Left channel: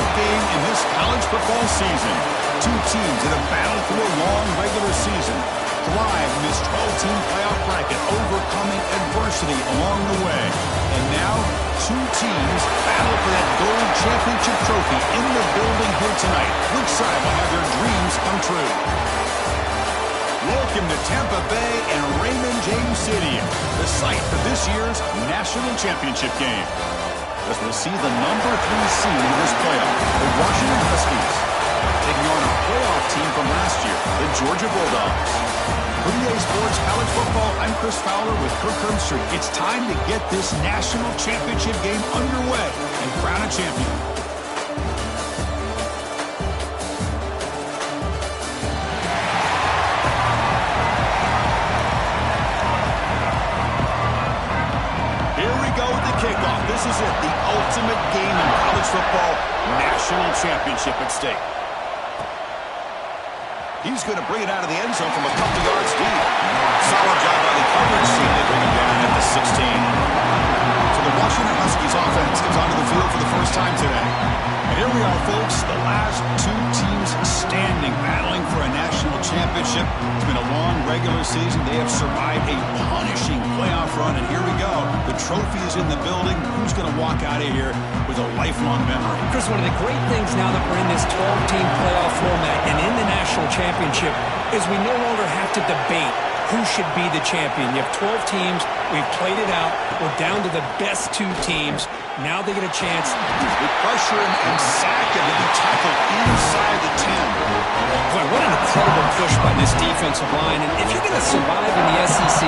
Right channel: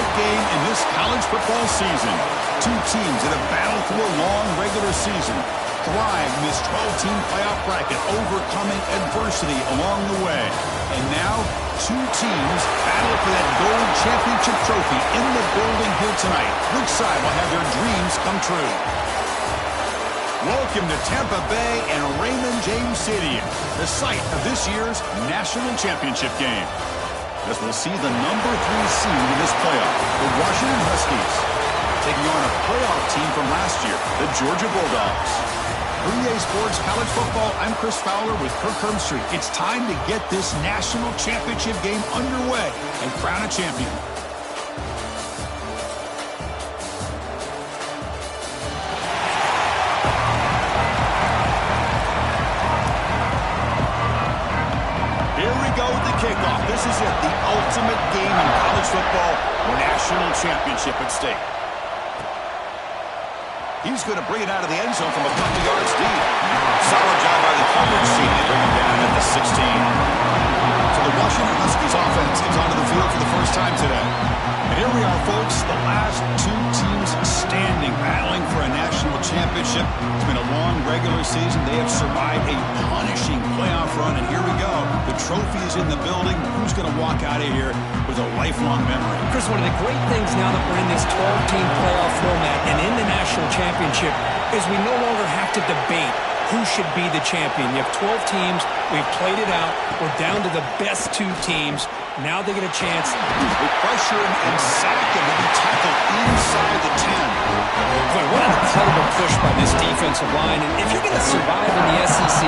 ultimate game in this college football season. Two teams that have battled through a long regular season, thrived in this 12-team playoff bracket, overcoming adversity along the way. And now, two teams battle for that gold championship trophy in the building here tonight. Which side will have their dreams come true? Welcome to Tampa Bay and Raymond James Stadium, the site of this year's national championship game. As we'll see the number 3 seed in this playoff, the Washington Huskies, taking on a playoff team from last year, the Georgia Bulldogs. For EA Sports College Football, I'm Chris Fowler with Kirk Herbstreit. It's time to get this national championship game underway and crown a champion. Here we go with the kickoff. This is it, the ultimate game in college football, national championship at stake. He's going to bring it out of the end zone from a couple yards deep. Solid job by the coverage team. They bring him down at the 16. So the Washington Huskies offense comes onto the field for the first time today. And here we are, folks, the last two teams standing, battling for a national championship. It's been a long regular season. They have survived a punishing playoff run, and here we go. The trophy is in the building. Who's going to walk out of here with a lifelong memory? Chris, one of the great things now that we're in this 12-team playoff format and in the national championship is we no longer have to debate who should be the champion. You have 12 teams. We've played it out. We're down to the best 2 teams. Now they get a chance. With pressure and sack him to be tackled inside the 10. Boy, what an incredible push by this defensive line. And if you're going to survive in the SEC,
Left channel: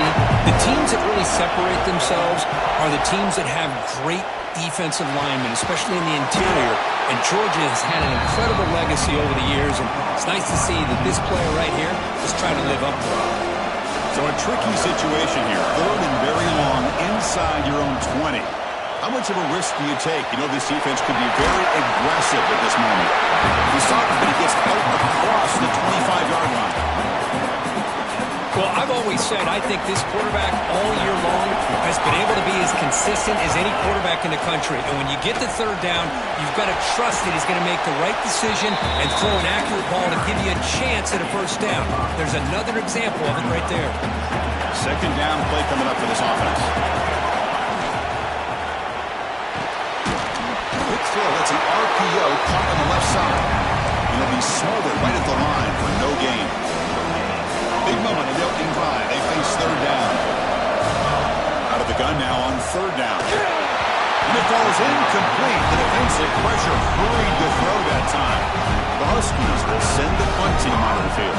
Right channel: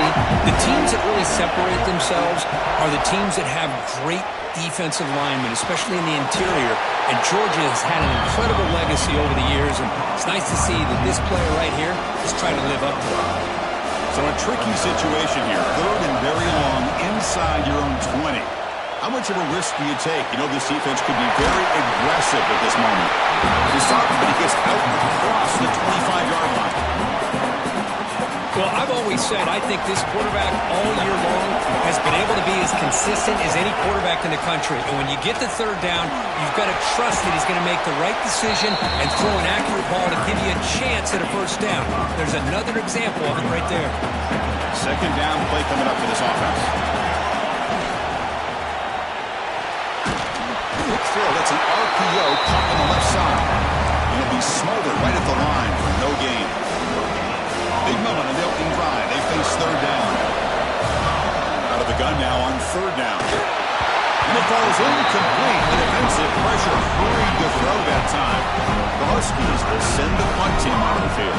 the teams that really separate themselves are the teams that have great defensive linemen, especially in the interior. And Georgia has had an incredible legacy over the years. And it's nice to see that this player right here is trying to live up to it. So a tricky situation here. 3rd and very long inside your own 20. How much of a risk do you take? You know this defense could be very aggressive at this moment. We saw him, but he gets out across the 25-yard line. Well, I've always said I think this quarterback all year long has been able to be as consistent as any quarterback in the country. And when you get the 3rd down, you've got to trust that he's going to make the right decision and throw an accurate ball to give you a chance at a 1st down. There's another example of it right there. 2nd down play coming up for this offense. Quick throw. That's an RPO caught on the left side. And he'll be smothered right at the line for no gain. Big moment in the opening drive. They face 3rd down. Out of the gun now on 3rd down. And it falls incomplete. The defensive pressure hurried to throw that time. The Huskies will send the punt team onto the field.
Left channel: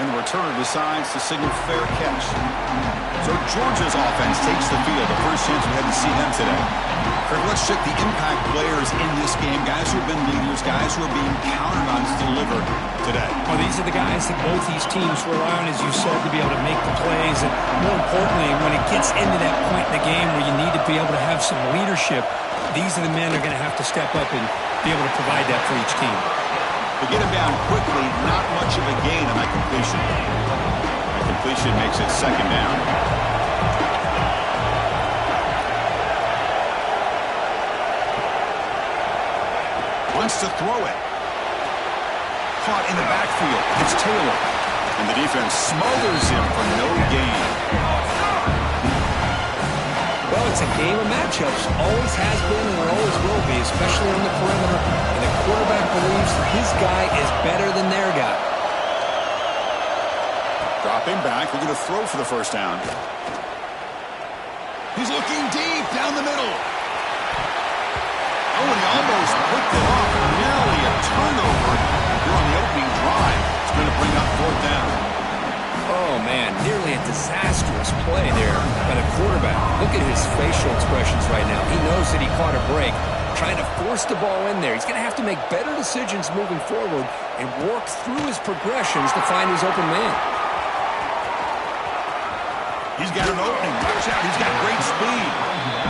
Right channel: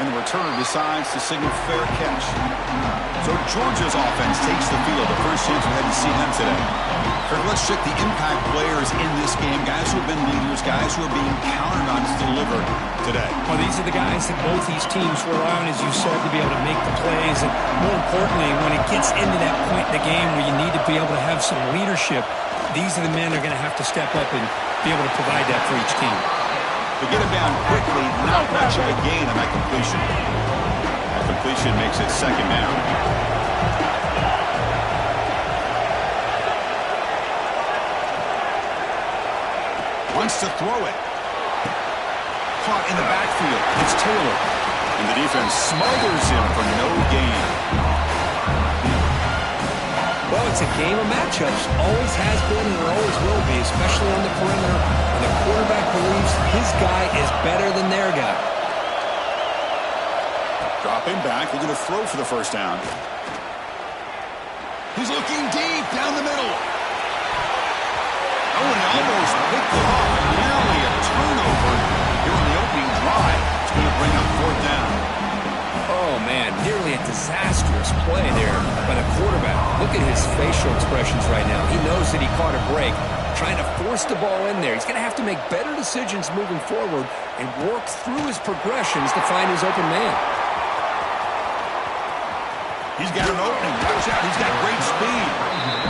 And the returner decides to signal fair catch. So Georgia's offense takes the field. The first chance we had to see them today. Kirk, let's check the impact players in this game. Guys who have been leaders, guys who are being counted on to deliver today. Well, these are the guys that both these teams rely on, as you said, to be able to make the plays. And more importantly, when it gets into that point in the game where you need to be able to have some leadership, these are the men that are going to have to step up and be able to provide that for each team. To get him down quickly, not much of a gain on that completion. That completion makes it 2nd down. Wants to throw it. Caught in the backfield. It's Taylor. And the defense smothers him for no gain. Well, it's a game of matchups. Always has been and it always will be, especially on the perimeter. And the quarterback believes his guy is better than their guy. Dropping back. We're going to throw for the 1st down. He's looking deep down the middle. Oh, and he almost picked it off. Nearly a turnover here on the opening drive. It's going to bring up 4th down. Oh, man, nearly a disastrous play there by the quarterback. Look at his facial expressions right now. He knows that he caught a break, trying to force the ball in there. He's going to have to make better decisions moving forward and work through his progressions to find his open man. He's got an opening. Watch out. He's got great speed.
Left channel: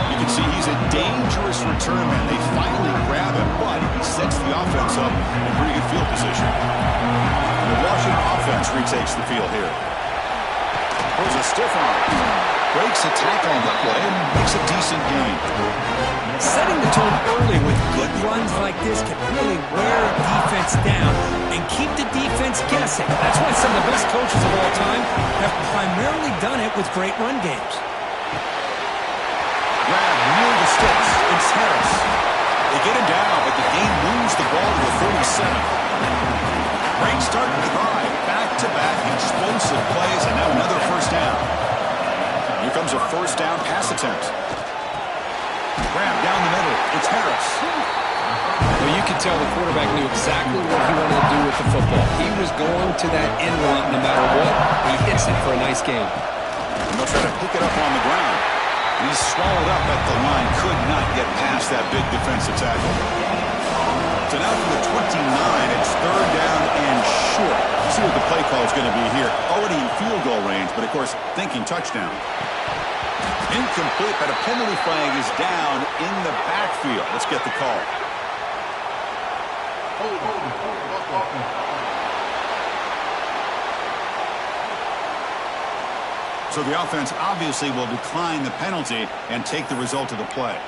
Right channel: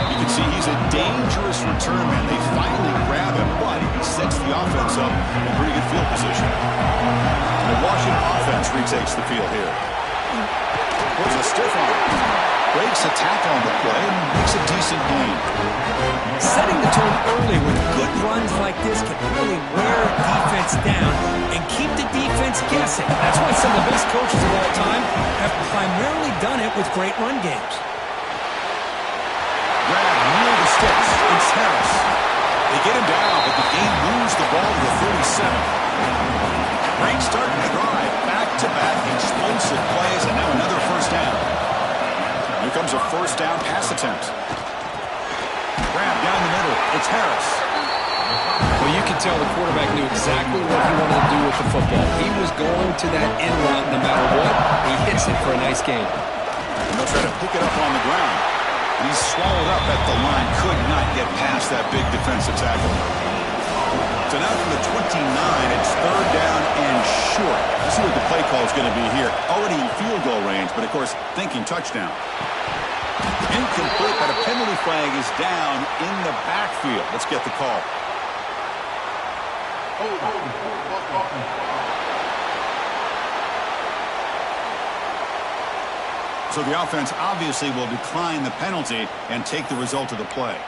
You can see he's a dangerous return man. They finally grab him, but he sets the offense up in pretty good field position. The Washington offense retakes the field here. Pulls a stiff arm. Breaks a tackle on the play and makes a decent gain. Setting the tone early with good runs like this can really wear a defense down and keep the defense guessing. That's why some of the best coaches of all time have primarily done it with great run games. Grab near the sticks. It's Harris. They get him down, but the game moves the ball to the 37. Great start to the drive. Back-to-back explosive plays, and now another first down. Here comes a first down pass attempt. Grab down the middle. It's Harris. Well, you can tell the quarterback knew exactly what he wanted to do with the football. He was going to that in route no matter what. He hits it for a nice gain. And they'll try to pick it up on the ground. And he's swallowed up at the line. Could not get past that big defensive tackle. So now from the 29, it's third down and short. Let's see what the play call is going to be here. Already in field goal range, but of course, thinking touchdown. Incomplete, but a penalty flag is down in the backfield. Let's get the call. So the offense obviously will decline the penalty and take the result of the play.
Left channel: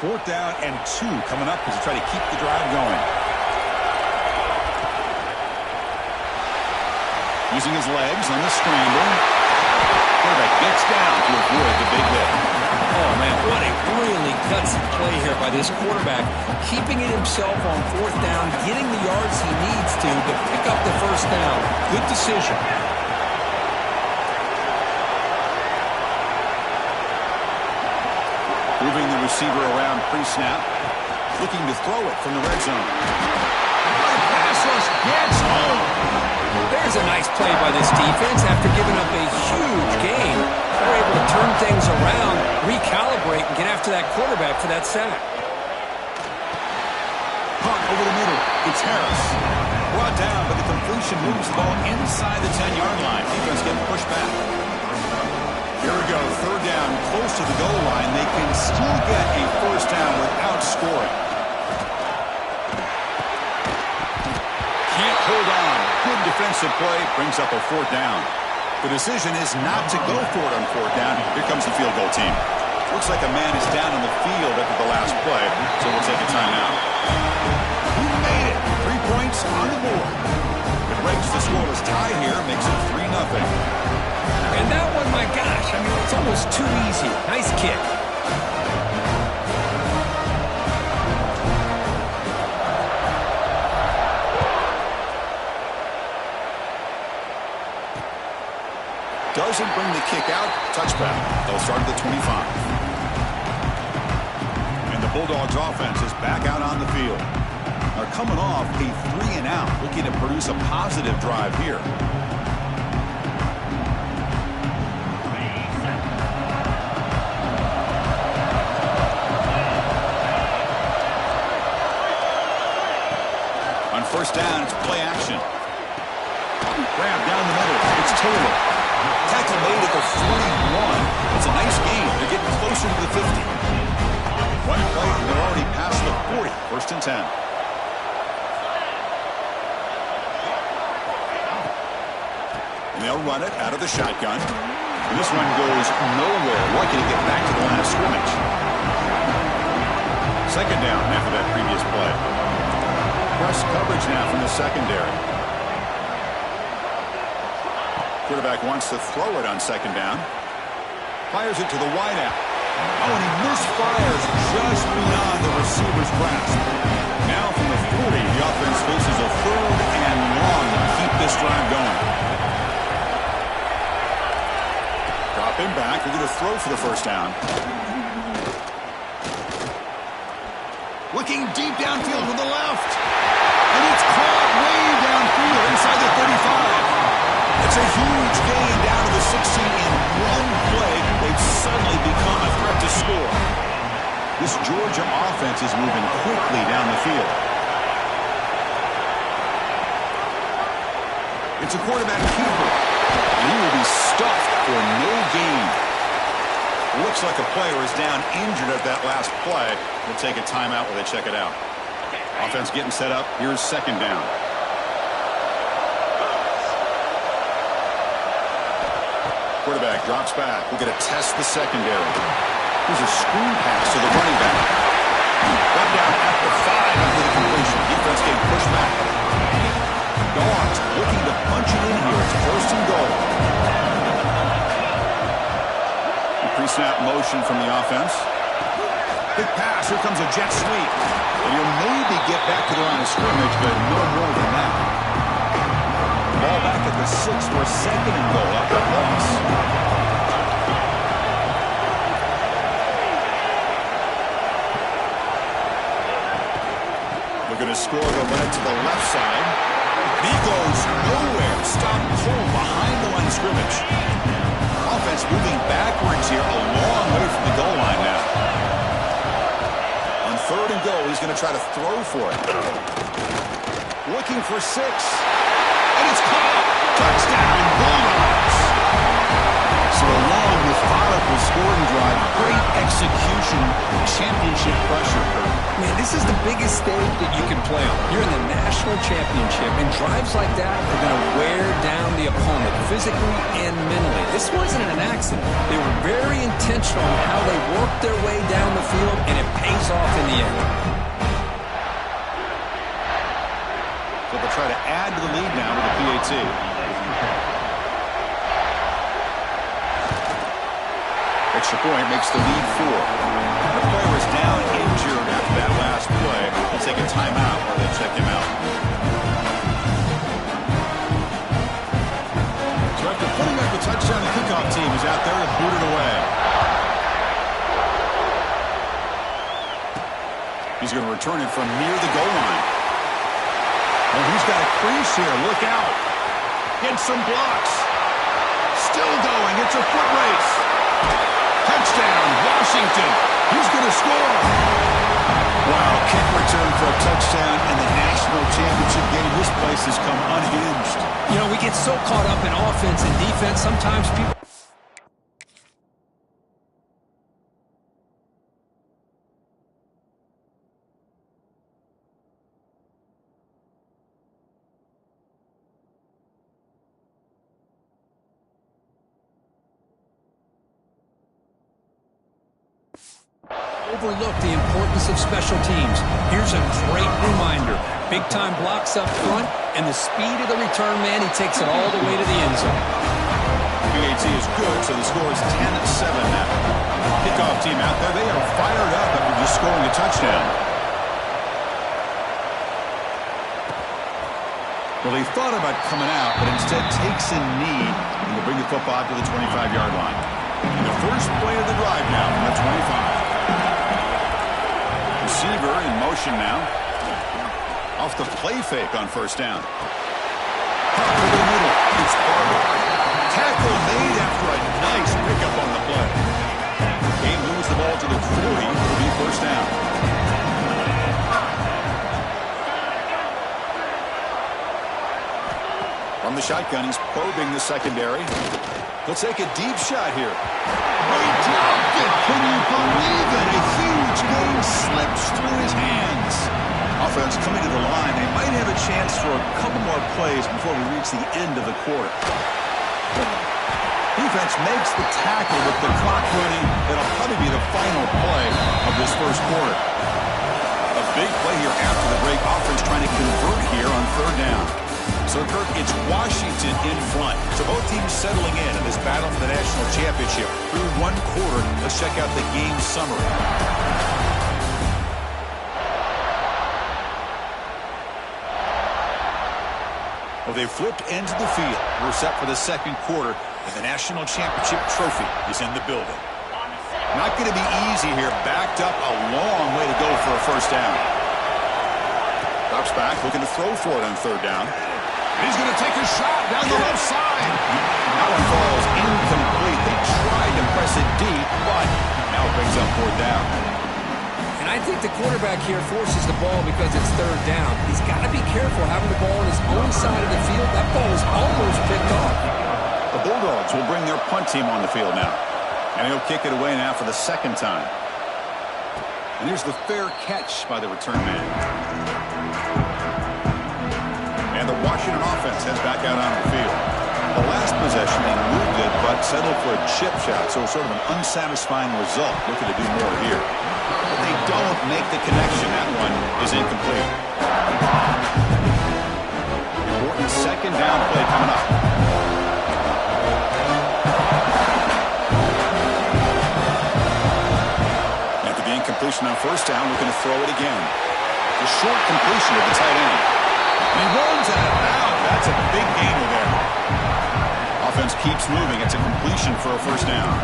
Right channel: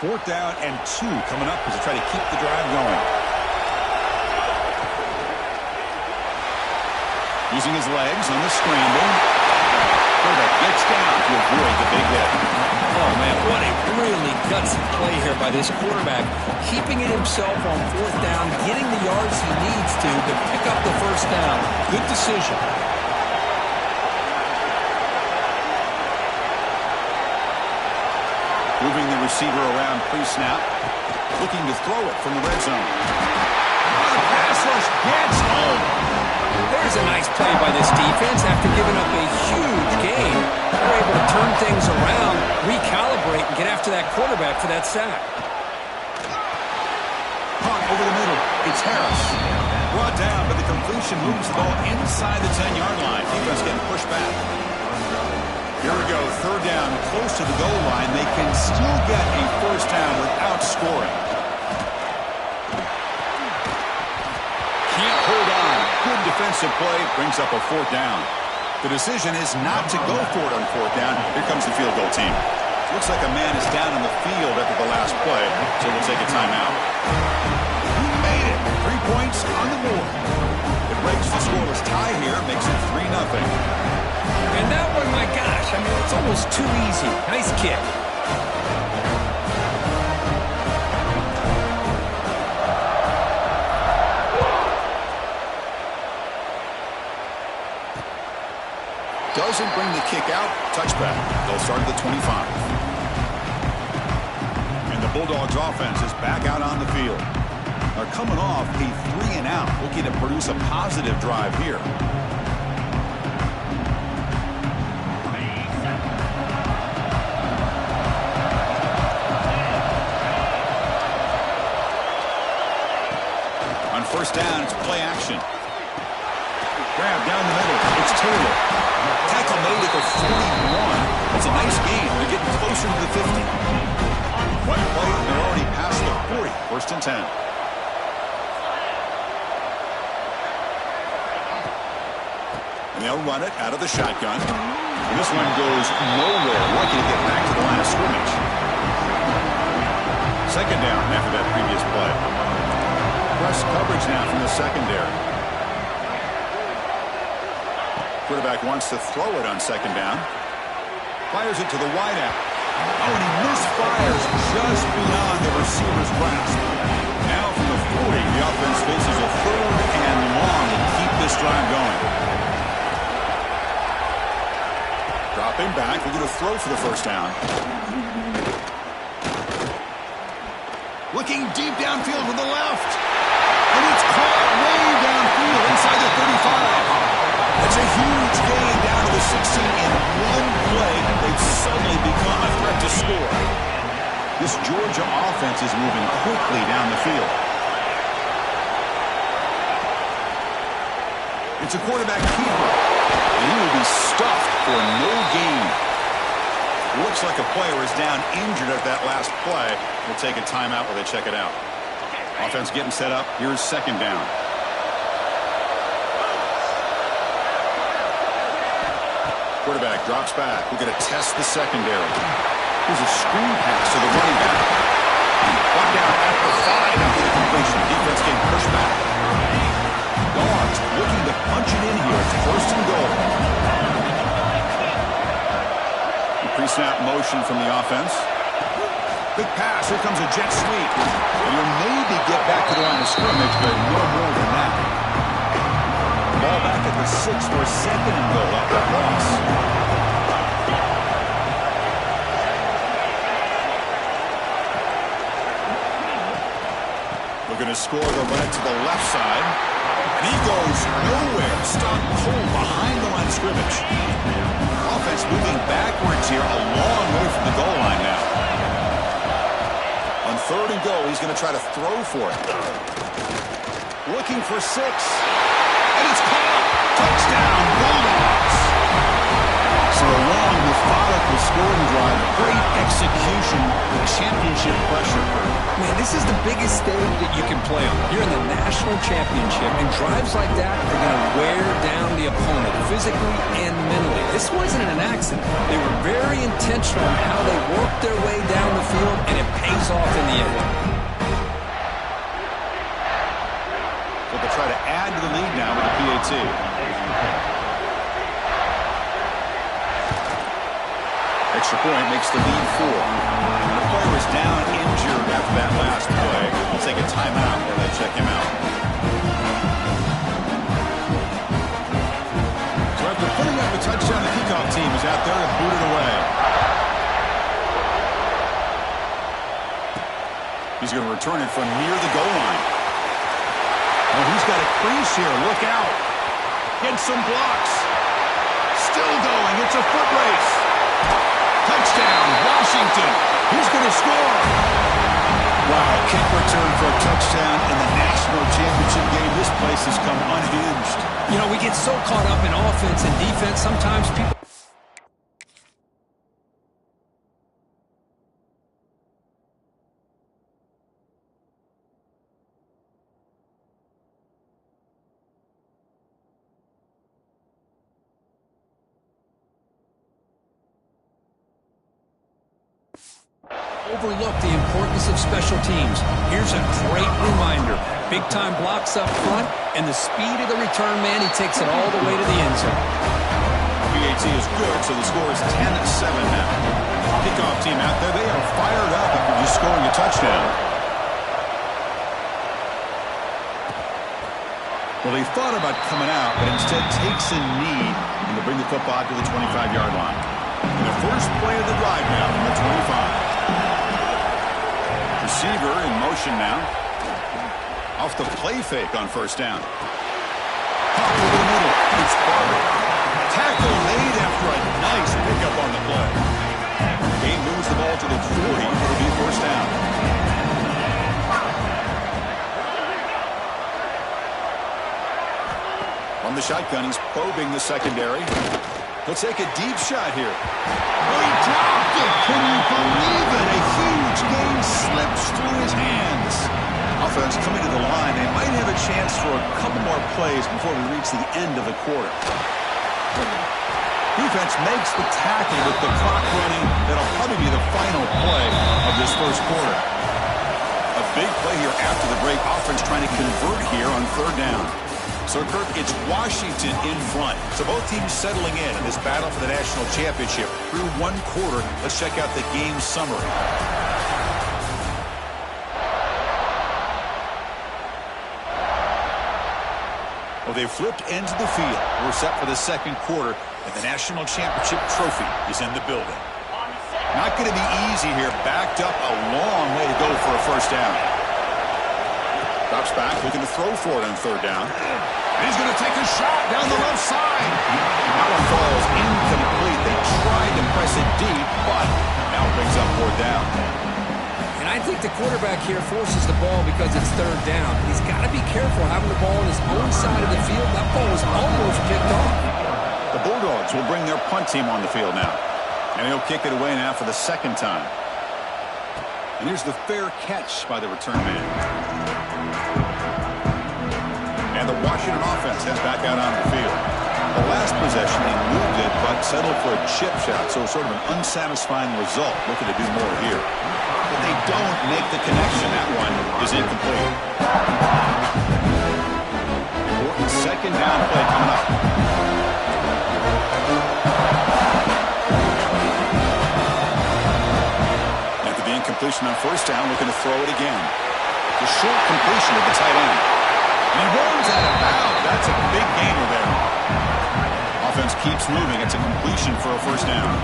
Fourth down and 2 coming up as they try to keep the drive going. Using his legs on the scramble. Quarterback gets down to avoid the big hit. Oh, man, what a really gutsy play here by this quarterback. Keeping it himself on fourth down, getting the yards he needs to pick up the first down. Good decision. Moving the receiver around pre-snap. Looking to throw it from the red zone. Oh, the pass rush gets home. There's a nice play by this defense after giving up a huge gain. They're able to turn things around, recalibrate, and get after that quarterback for that sack. Caught over the middle. It's Harris. Brought down, but the completion moves the ball inside the 10-yard line. Defense getting pushed back. Here we go. Third down, close to the goal line. They can still get a first down without scoring. Can't hold on. Good defensive play brings up a fourth down. The decision is not to go for it on fourth down. Here comes the field goal team. Looks like a man is down on the field after the last play, so we'll take a timeout. He made it. 3 points on the board. It breaks the scoreless tie here, makes it 3-0. And that one, my gosh, I mean, it's almost too easy. Nice kick. Doesn't bring the kick out. Touchback. They'll start at the 25. And the Bulldogs offense is back out on the field. They're coming off a 3-and-out, looking to produce a positive drive here. On first down, it's play action. Grab down the middle. It's Taylor. Tackle made at the 41. It's a nice gain. They're getting closer to the 50. One play, and they're already past the 40. First and 10. And they'll run it out of the shotgun. And this one goes nowhere. Lucky to get back to the line of scrimmage. Second down after that previous play. Press coverage now from the secondary. Quarterback wants to throw it on second down. Fires it to the wideout. Oh, and he misfires just beyond the receiver's grasp. Now from the 40, the offense faces a third and long to keep this drive going. Dropping back, we're going to throw for the first down. Looking deep downfield to the left. And it's caught way downfield inside the 35. It's a huge gain down to the 16 in one play. They've suddenly become a threat to score. This Georgia offense is moving quickly down the field. It's a quarterback keeper, and he will be stuffed for no gain. Looks like a player is down injured at that last play. We'll take a timeout while they check it out. Offense getting set up. Here's second down. Quarterback drops back. We're going to test the secondary. Here's a screen pass to the running back. Brought down at the 5 after the completion. Defense getting pushed back. Dogs looking to punch it in here. It's first and goal. Pre-snap motion from the offense. Big pass. Here comes a jet sweep. And you'll maybe get back to the line of scrimmage, but no more than that. Ball back at the 6 for second and goal after that loss. Looking to score the run to the left side. And he goes nowhere. Stopped cold behind the line of scrimmage. Offense moving backwards here, a long way from the goal line now. On third and goal, he's going to try to throw for it. Looking for 6. And it's caught. Touchdown, Bulldogs. So a long, methodical scoring drive. Great execution. The championship pressure. Man, this is the biggest stage that you can play on. You're in the national championship, and drives like that are going to wear down the opponent physically and mentally. This wasn't an accident. They were very intentional in how they worked their way down the field, and it pays off in the end. So they'll try to add to the lead now with the PAT. Extra point makes the lead 4. The player is down injured after that last play. We'll take a timeout while they check him out. So after putting up a touchdown, the kickoff team is out there to boot it away. He's going to return it from near the goal line. Oh, he's got a crease here. Look out. Get some blocks. Still going. It's a foot race. Touchdown, Washington. He's going to score. Wow, kick return for a touchdown in the national championship game. This place has come unhinged. You know, we get so caught up in offense and defense. Sometimes people... overlook the importance of special teams. Here's a great reminder. Big-time blocks up front, and the speed of the return man, he takes it all the way to the end zone. PAT is good, so the score is 10-7 now. Kickoff team out there, they are fired up after just scoring a touchdown. Well, he thought about coming out, but instead takes a knee, and they'll bring the football to the 25-yard line. And the first play of the drive now from the 25. Receiver in motion now. Off the play fake on first down. Pop over the middle. It's Barber. Tackle made after a nice pickup on the play. Game moves the ball to the 40. It'll be first down. From the shotgun, he's probing the secondary. He'll take a deep shot here. Oh, he dropped it. Can you believe it? A huge gain slips through his hands. Offense coming to the line. They might have a chance for a couple more plays before we reach the end of the quarter. Defense makes the tackle with the clock running. That'll probably be the final play of this first quarter. A big play here after the break. Offense trying to convert here on third down. So, Kirk, it's Washington in front. So both teams settling in this battle for the national championship. Through one quarter, let's check out the game summary. Well, they've flipped into the field. We're set for the second quarter, and the national championship trophy is in the building. Not going to be easy here. Backed up a long way to go for a first down. Drops back, looking to throw for it on third down. And he's going to take a shot down the left side. That one falls incomplete. They tried to press it deep, but now it brings up fourth down. And I think the quarterback here forces the ball because it's third down. He's got to be careful having the ball on his own side of the field. That ball was almost picked off. The Bulldogs will bring their punt team on the field now. And he'll kick it away now for the second time. And here's the fair catch by the return man. And the Washington offense heads back out on the field. The last possession, they moved it, but settled for a chip shot, so sort of an unsatisfying result. Looking to do more here. But they don't make the connection. That one is incomplete. Important second down play coming up. After the incompletion on first down, looking to throw it again. The short completion of the tight end. And he runs out of bounds. That's a big gainer there. Offense keeps moving. It's a completion for a first down.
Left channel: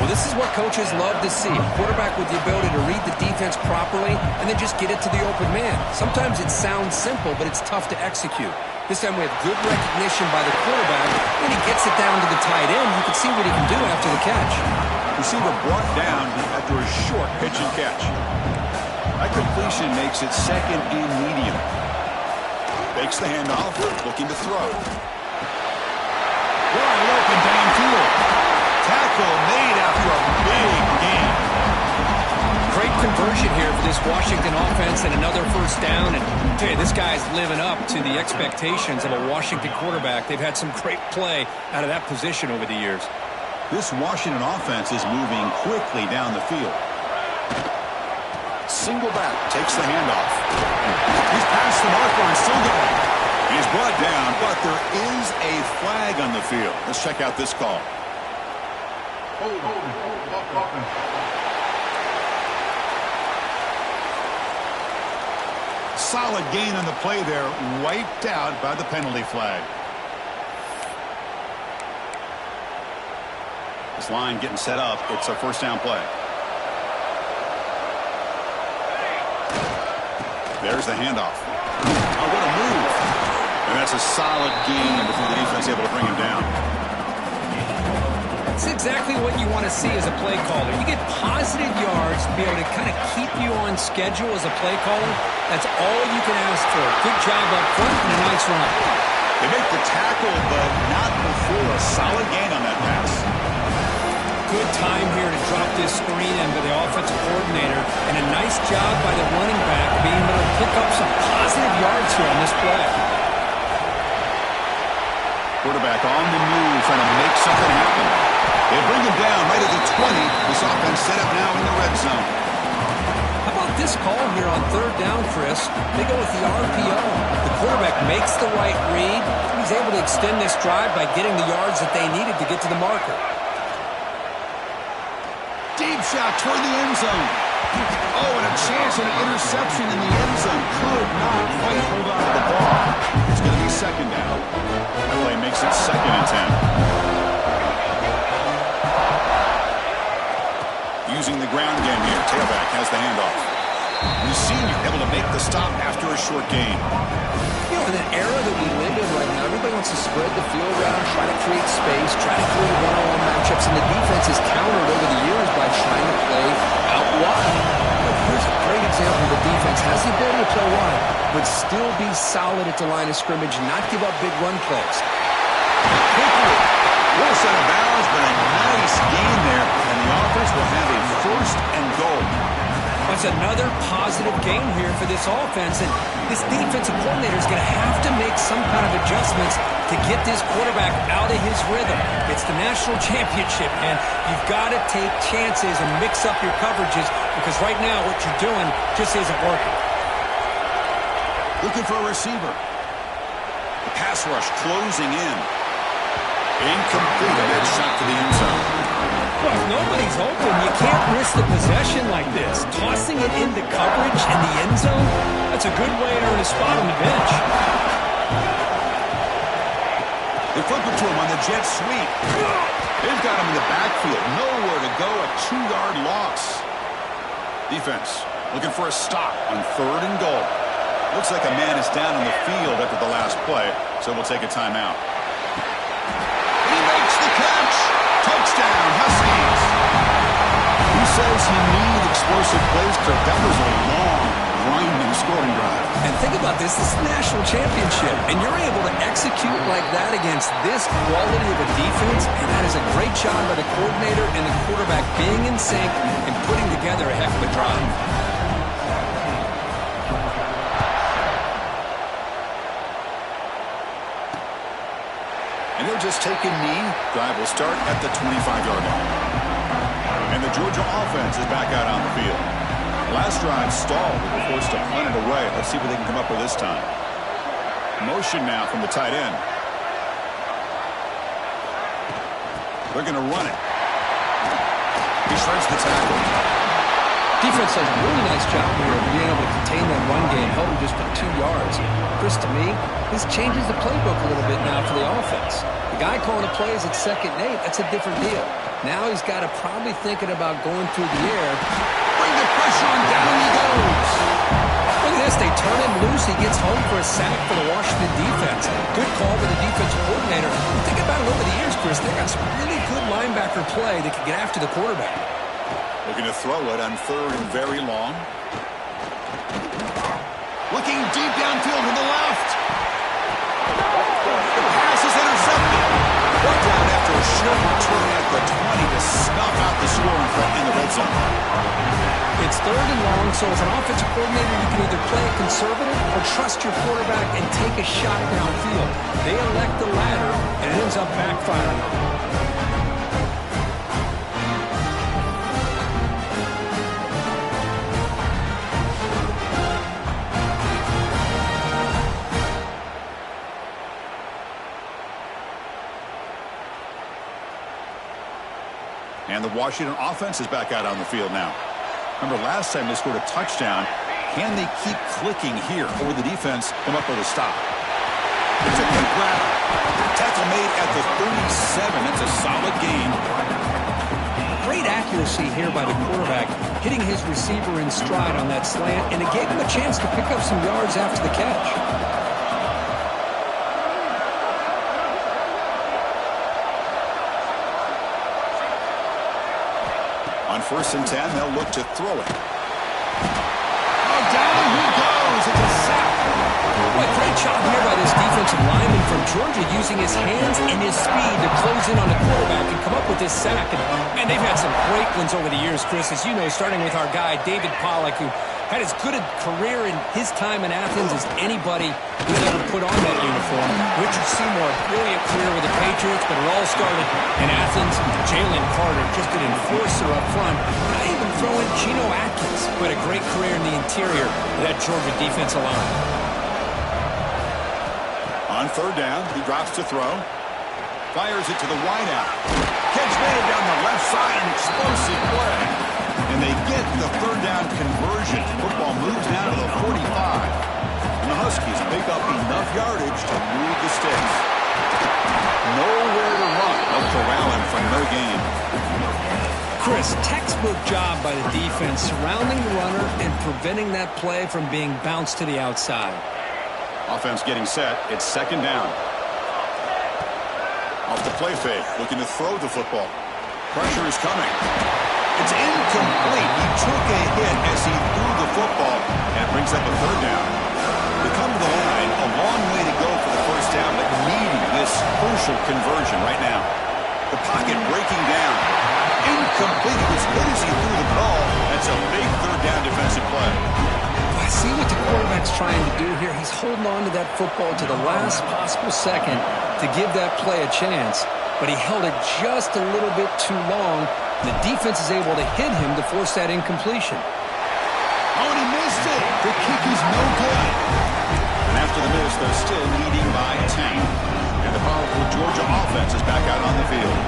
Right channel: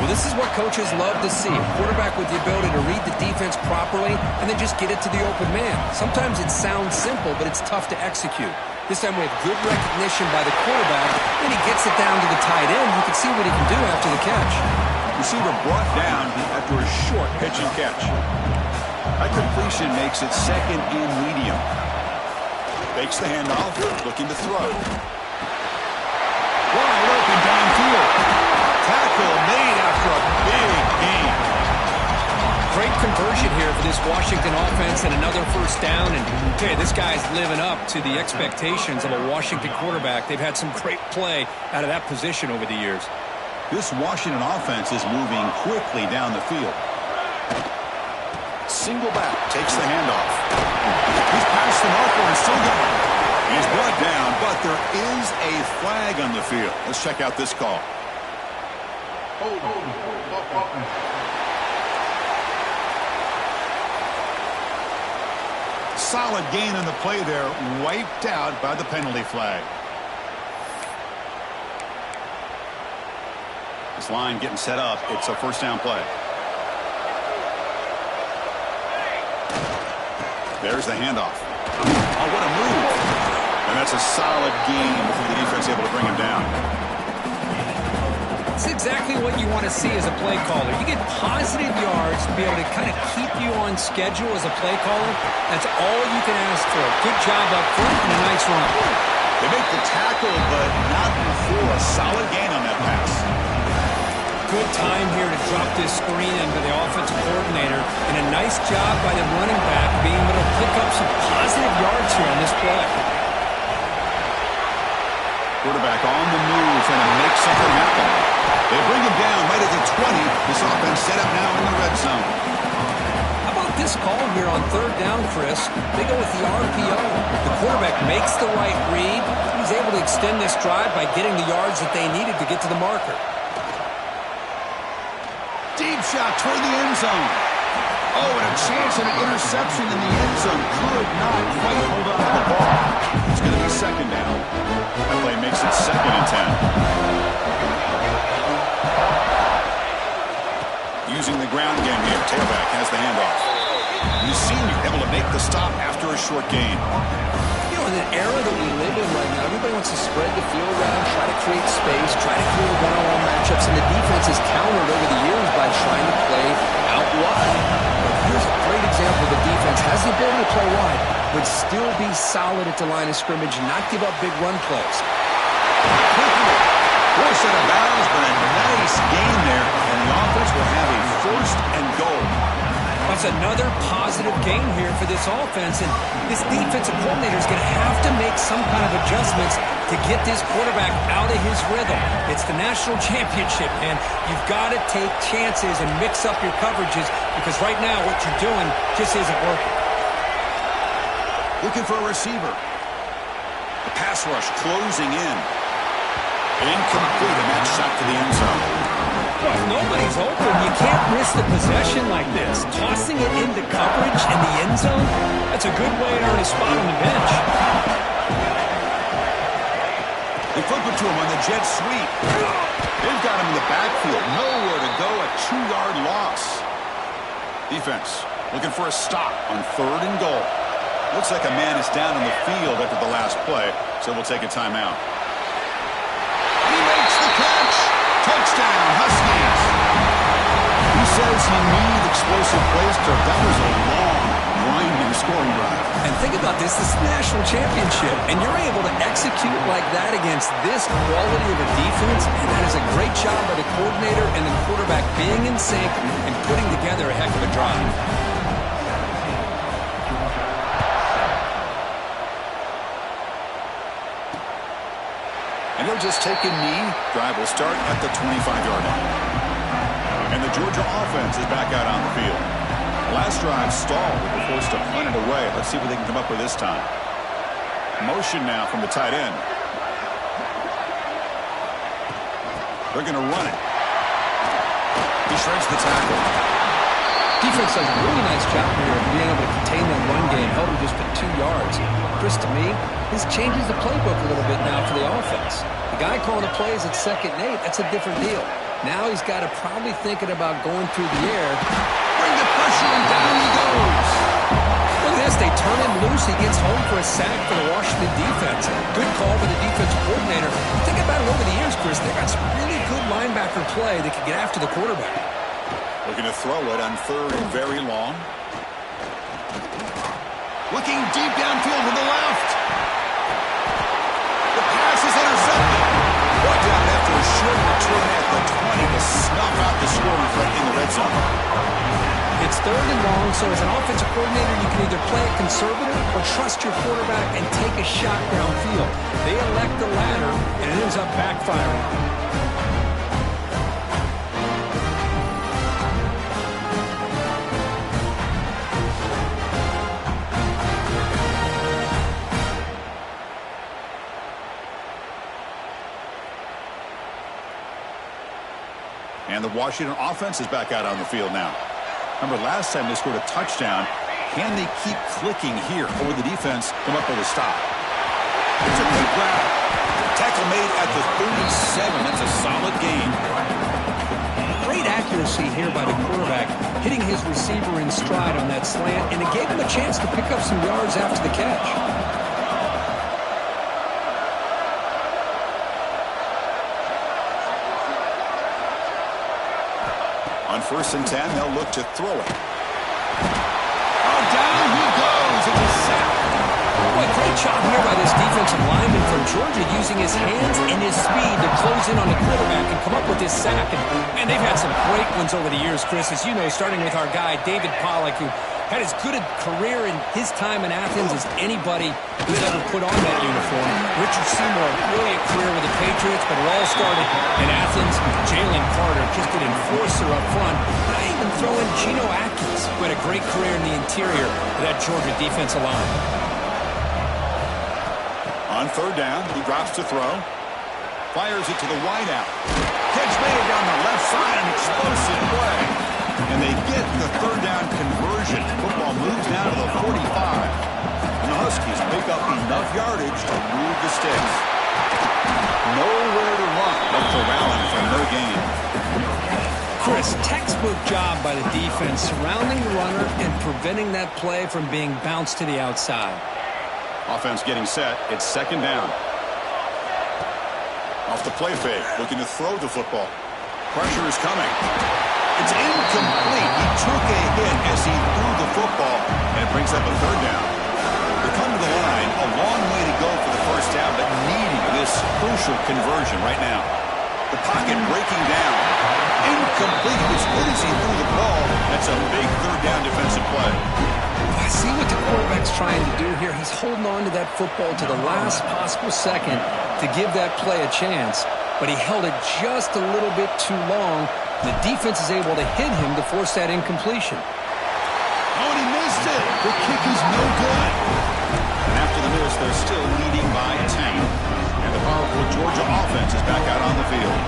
Well, this is what coaches love to see. A quarterback with the ability to read the defense properly and then just get it to the open man. Sometimes it sounds simple, but it's tough to execute. This time we have good recognition by the quarterback, and he gets it down to the tight end. You can see what he can do after the catch. Receiver brought down after a short pitch and catch. That completion makes it second and medium. Fakes the handoff, looking to throw. Wide open downfield. Tackle made after a big gain. Great conversion here for this Washington offense and another first down. And I'll tell you, this guy's living up to the expectations of a Washington quarterback. They've had some great play out of that position over the years. This Washington offense is moving quickly down the field. Single back, takes the handoff. He's past the marker and still going. He's brought down, but there is a flag on the field. Let's check out this call. Solid gain on the play there, wiped out by the penalty flag. This line getting set up. It's a first down play. There's the handoff. Oh, what a move. And that's a solid gain before the defense able to bring him down. It's exactly what you want to see as a play caller. You get positive yards to be able to kind of keep you on schedule as a play caller. That's all you can ask for. Good job up front and a nice run. They make the tackle, but not before a solid gain on that pass. Good time here to drop this screen in by the offensive coordinator, and a nice job by the running back being able to pick up some positive yards here on this play. Quarterback on the move, trying to make something happen. They bring him down right at the 20. This offense set up now in the red zone. How about this call here on third down, Chris? They go with the RPO. The quarterback makes the right read. He's able to extend this drive by getting the yards that they needed to get to the marker. Deep shot toward the end zone. Oh, and a chance at an interception in the end zone. Could not quite hold on to the ball. It's going to be second down. That play makes it 2nd and 10. Using the ground game here. Tailback has the handoff. The senior able to make the stop after a short gain. You know, in an era that we live in right now, everybody wants to spread the field around, try to create space, try to create one-on-one matchups, and the defense is countered over the years by trying to play out wide. But here's a great example. The defense has the ability to play wide, but still be solid at the line of scrimmage and not give up big run plays. Quickly, force out of bounds, but a nice gain there, and the offense will have a 1st and goal. That's another positive gain here for this offense, and this defensive coordinator is going to have to make some kind of adjustments to get this quarterback out of his rhythm. It's the national championship, and you've got to take chances and mix up your coverages, because right now what you're doing just isn't working. Looking for a receiver. The pass rush closing in. Incomplete, and that shot to the end zone. Well, if nobody's open, you can't risk the possession like this. Tossing it into coverage in the end zone, that's a good way to earn a spot on the bench. They flip it to him on the jet sweep. They've got him in the backfield. Nowhere to go, a 2-yard loss. Defense looking for a stop on 3rd and goal. Looks like a man is down on the field after the last play, so we'll take a timeout. He makes the catch. Touchdown, Huskies. He says you need explosive plays, Kirk. That was a long, grinding scoring drive. And think about this is the national championship, and you're able to execute like that against this quality of a defense, and that is a great job by the coordinator and the quarterback being in sync and putting together a heck of a drive. And he'll just take a knee. Drive will start at the 25-yard line. And the Georgia offense is back out on the field. Last drive stalled. They were forced to punt it away. Let's see what they can come up with this time. Motion now from the tight end. They're going to run it. He shreds the tackle. Defense does a really nice job here of being able to contain that run game, held him just to 2 yards. Chris, to me, this changes the playbook a little bit now for the offense. The guy calling the plays at 2nd and 8, that's a different deal. Now he's got to probably thinking about going through the air. Bring the pressure and down he goes. Look at this, they turn him loose, he gets home for a sack for the Washington defense. Good call by the defensive coordinator. You think about it over the years, Chris, they got some really good linebacker play that can get after the quarterback. Looking to throw it on 3rd and very long. Looking deep downfield to the left. The pass is intercepted. Brought down after a short return at the 20 to snuff out the scoring threat in the red zone. It's 3rd and long, so as an offensive coordinator, you can either play it conservative or trust your quarterback and take a shot downfield. They elect the latter, and it ends up backfiring on them. And the Washington offense is back out on the field now. Remember, last time they scored a touchdown. Can they keep clicking here? Or will the defense come up with a stop? It's a big grab. Tackle made at the 37. That's a solid gain. Great accuracy here by the quarterback, hitting his receiver in stride on that slant, and it gave him a chance to pick up some yards after the catch. On 1st and 10, they'll look to throw it. Oh, down he goes. It's a sack. Boy, great job here by this defensive lineman from Georgia using his hands and his speed to close in on the quarterback and come up with this sack. And, man, they've had some great ones over the years, Chris, as you know, starting with our guy, David Pollack, who had as good a career in his time in Athens as anybody who's ever put on that uniform. Richard Seymour, brilliant career with the Patriots, but it all started in Athens. Jalen Carter, just an enforcer up front. And I even throw in Geno Atkins, who had a great career in the interior of that Georgia defensive line. On 3rd down, he drops to throw. Fires it to the wideout. Catch made down the left side, an explosive play. And they get the 3rd down conversion. Football moves now to the 45. And the Huskies pick up enough yardage to move the sticks. Nowhere to run. No corralling from no gain. Chris, textbook job by the defense surrounding the runner and preventing that play from being bounced to the outside. Offense getting set. It's 2nd down. Off the play fake. Looking to throw the football. Pressure is coming. It's incomplete. He took a hit as he threw the football, and it brings up a 3rd down. They come to the line, a long way to go for the 1st down, but needing this crucial conversion right now. The pocket breaking down. Incomplete. It was good as he threw the ball. That's a big 3rd down defensive play. I see what the quarterback's trying to do here. He's holding on to that football to the last possible second to give that play a chance, but he held it just a little bit too long. The defense is able to hit him to force that incompletion. Oh, and he missed it. The kick is no good. And after the miss, they're still leading by 10. And the powerful Georgia offense is back out on the field.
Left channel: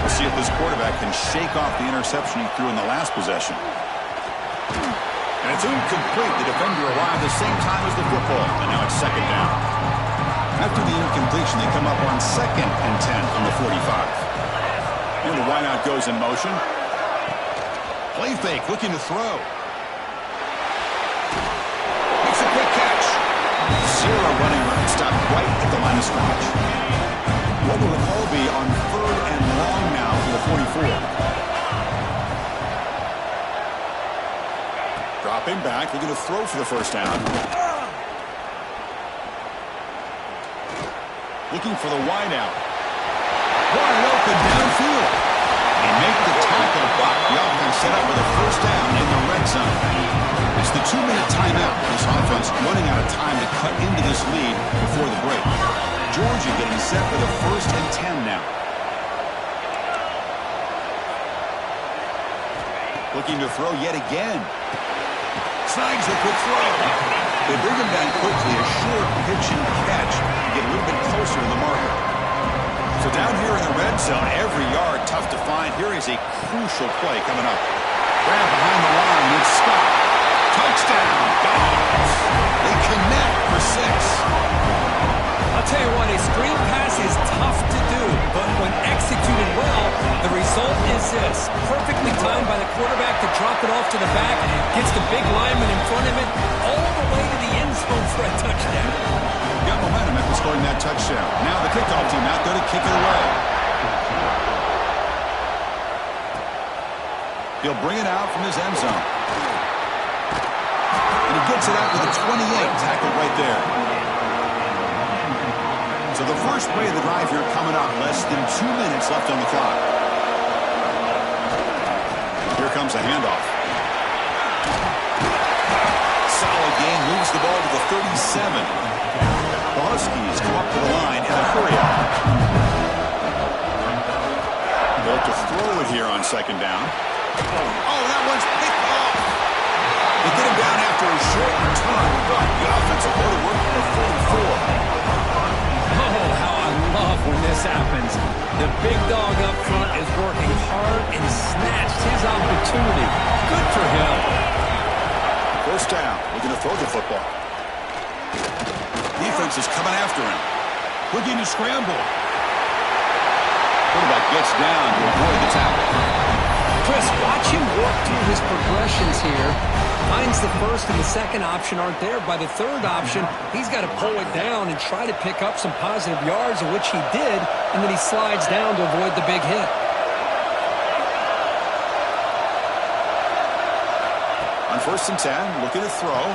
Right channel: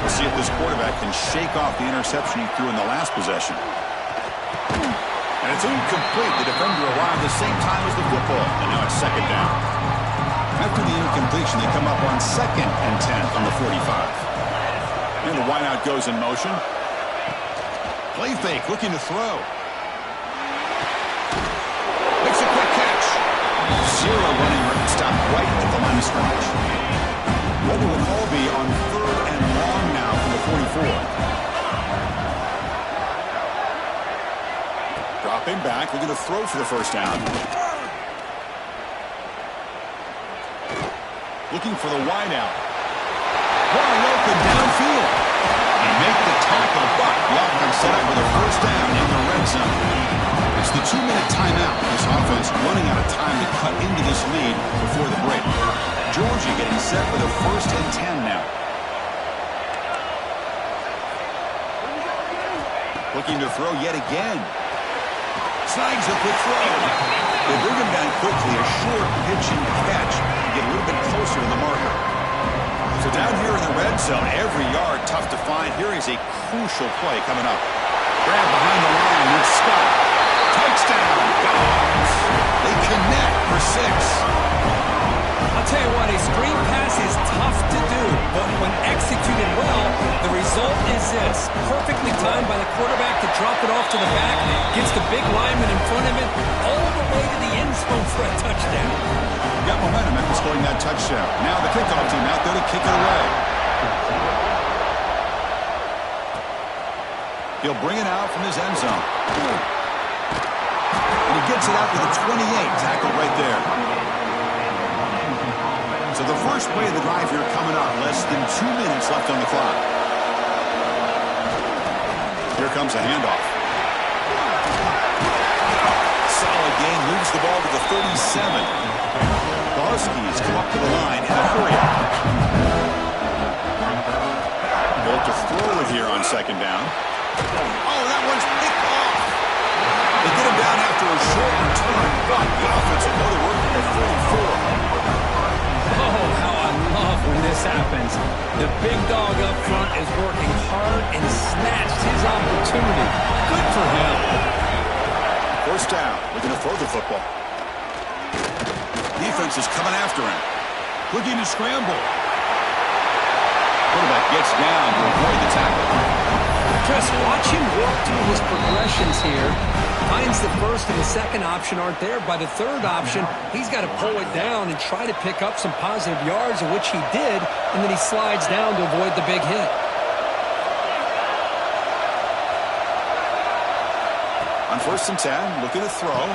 We'll see if this quarterback can shake off the interception he threw in the last possession. And it's incomplete. The defender arrived the same time as the football. And now it's 2nd down. After the incompletion, they come up on 2nd and 10 from the 45. And the wideout goes in motion. Play fake, looking to throw. Makes a quick catch. 0 running room. Stopped right at the line of scrimmage. What will the call be on 3rd and long now from the 44? Dropping back, looking to throw for the 1st down. Looking for the wideout. Wide open downfield. They make the tackle, but the offense set up with a 1st down in the red zone. It's the 2-minute timeout. This offense running out of time to cut into this lead before the break. Georgia getting set for the 1st and 10 now. Looking to throw yet again. Snags the quick throw. They bring him down quickly. A short pitch and catch to get a little bit closer to the marker. So down here in the red zone, every yard tough to find. Here is a crucial play coming up. Grab behind the line. It's Scott. Touchdown, Dogs. They connect for 6. I'll tell you what, a screen pass is tough to do, but when executed well, the result is this. Perfectly timed by the quarterback to drop it off to the back, gets the big lineman in front of it, all the way to the end zone for a touchdown. Got momentum after scoring that touchdown. Now the kickoff team out there to kick it away. He'll bring it out from his end zone. And he gets it out to the 28, tackled right there. So the first play of the drive here coming up. Less than 2 minutes left on the clock. Here comes a handoff. Solid gain, moves the ball to the 37. The Huskies come up to the line in a hurry up. Built to throw it here on 2nd down. Oh, that one's picked off. They get him down after a short return, but the offense will go to work at the 44. Oh, how I love when this happens. The big dog up front is working hard and snatched his opportunity. Good for him. 1st down. Looking to throw the football. Defense is coming after him. Looking to scramble. Quarterback gets down to avoid the tackle. Chris, watch him work through his progressions here. Finds the 1st and the 2nd option aren't there. By the 3rd option, he's got to pull it down and try to pick up some positive yards, of which he did, and then he slides down to avoid the big hit. On 1st and 10, looking to throw.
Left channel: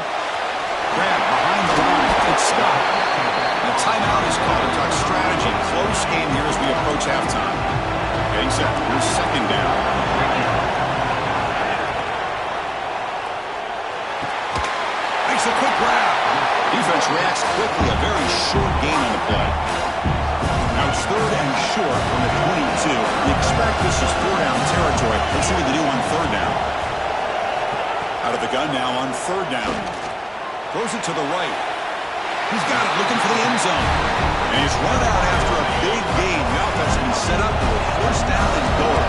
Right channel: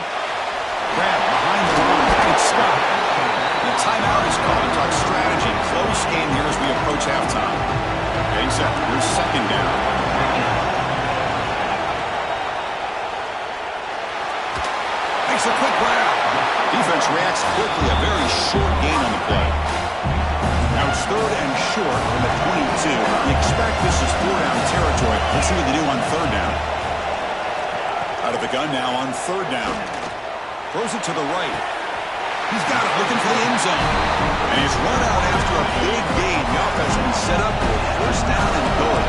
Grab behind the line. It's Scott. The timeout is called to talk strategy. Close game here as we approach halftime. Getting set. Here's 2nd down. Makes a quick grab. Defense reacts quickly. A very short gain on the play. Now it's 3rd and short from the 22. You expect this is 4-down territory. Let's see what they do on 3rd down. Out of the gun now on 3rd down. Throws it to the right. He's got it, looking for the end zone. And he's run out after a big gain. The offense will be set up for 1st down and goal.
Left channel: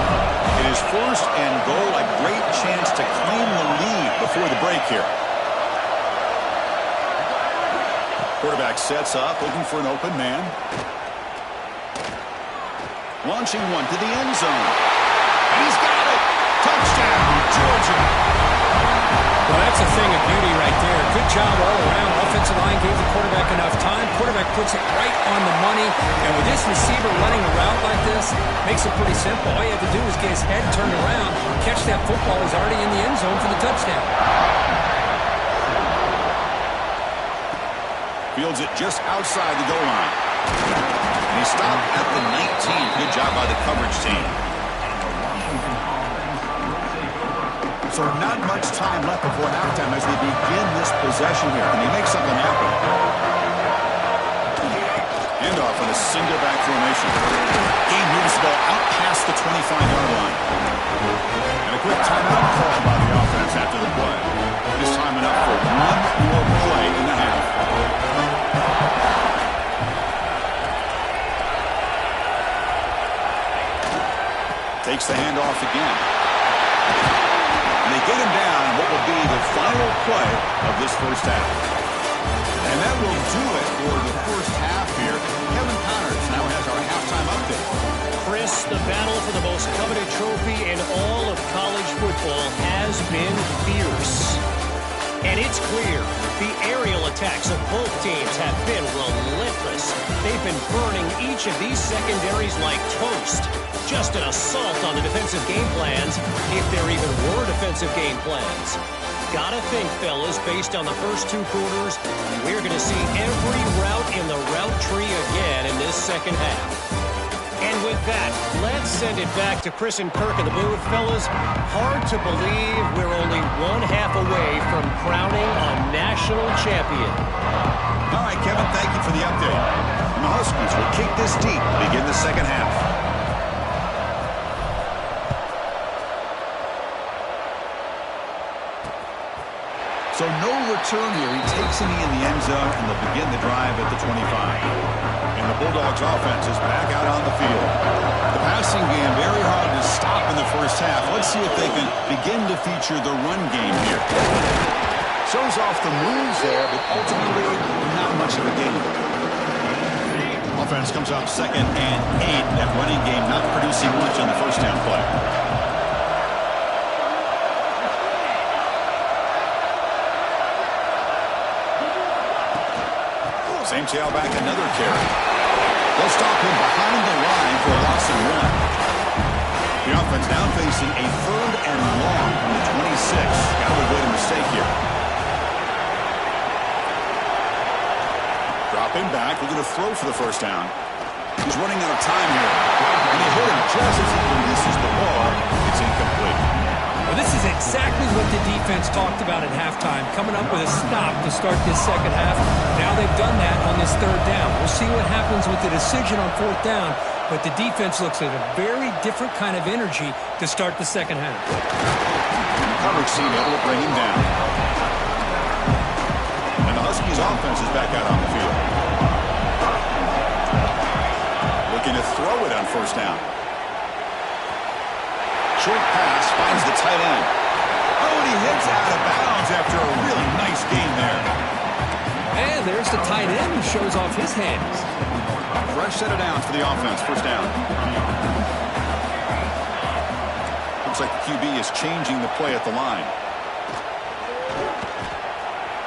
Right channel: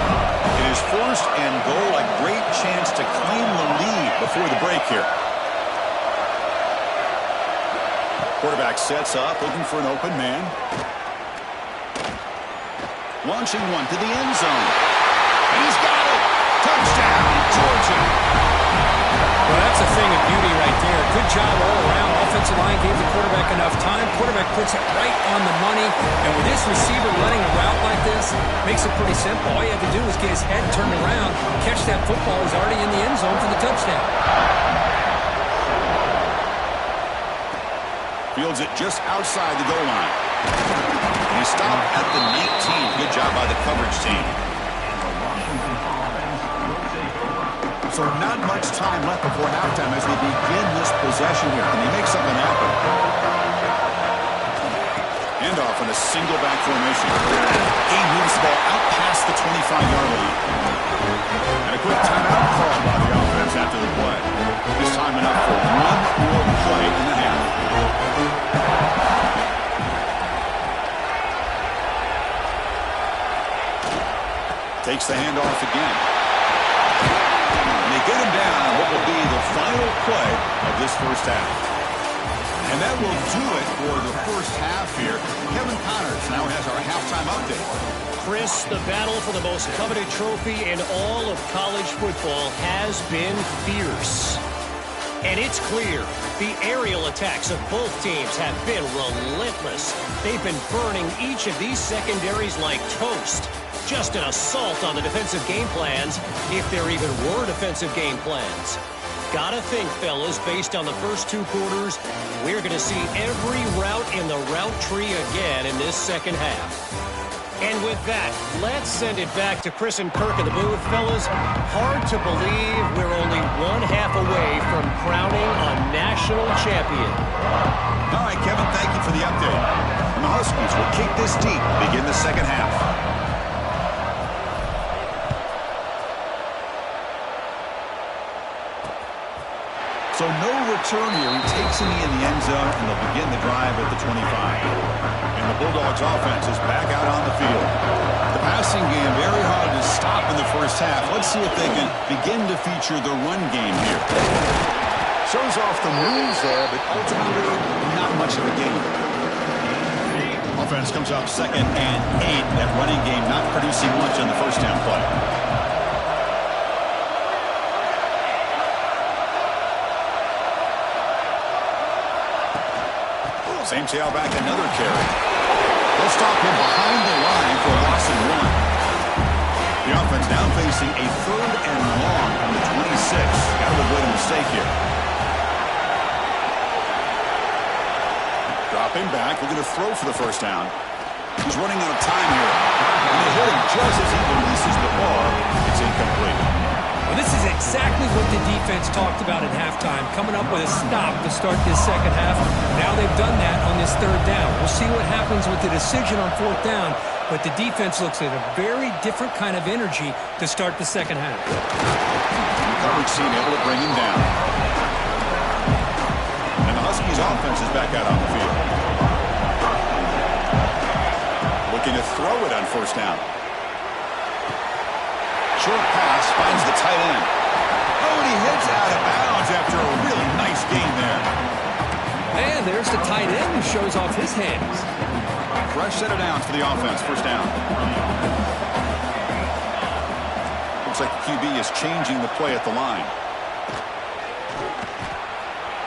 It is 1st and goal. A great chance to claim the lead before the break here. Quarterback sets up, looking for an open man. Launching one to the end zone. And he's got it. Touchdown, Georgia. Well, that's a thing of beauty right there. Good job all around. Offensive line gave the quarterback enough time. Quarterback puts it right on the money. And with this receiver running a route like this, makes it pretty simple. All you have to do is get his head turned around, catch that football. He's already in the end zone for the touchdown. Fields it just outside the goal line. And he stopped at the 19. Good job by the coverage team. So not much time left before halftime as they begin this possession here. Can they make something happen? Handoff on a single back formation. Game moves the ball out past the 25-yard line. And a quick timeout called by the offense after the play. This time enough for one more play in the half. Takes the handoff again. And they get him down on what will be the final play of this 1st half. And that will do it for the 1st half here. Kevin Connors now has our halftime update. Chris, the battle for the most coveted trophy in all of college football has been fierce. And it's clear the aerial attacks of both teams have been relentless. They've been burning each of these secondaries like toast. Just an assault on the defensive game plans, if there even were defensive game plans. Gotta think, fellas, based on the first 2 quarters, we're going to see every route in the route tree again in this 2nd half. And with that, let's send it back to Chris and Kirk in the booth. Fellas, hard to believe we're only 1 half away from crowning a national champion. All right, Kevin, thank you for the update. And the Huskies will kick this deep to begin the second half. So no return here. He takes a knee in the end zone, and they'll begin the drive at the 25. And the Bulldogs offense is back out on the field. The passing game very hard to stop in the first half. Let's see if they can begin to feature the run game here. Shows off the moves there, but ultimately not much of a gain. Offense comes up 2nd and 8. That running game not producing much on the first down play. Same tailback, another carry. They'll stop him behind the line for a loss and 1. The offense now facing a 3rd and long from the 26. Got to avoid a mistake here. Drop him back, looking to throw for the first down. He's running out of time here. And they hit him just as he releases the ball. It's incomplete. Well, this is exactly what the defense talked about at halftime, coming up with a stop to start this second half. Now they've done that on this 3rd down. We'll see what happens with the decision on 4th down, but the defense looks at a very different kind of energy to start the second half. The coverage team able to bring him down. And the Huskies offense is back out on the field. Looking to throw it on 1st down. Short pass finds the tight end. Oh, and he hits out of bounds after a really nice gain there. And there's the tight end who shows off his hands. Fresh set of downs for the offense. 1st down. Looks like the QB is changing the play at the line.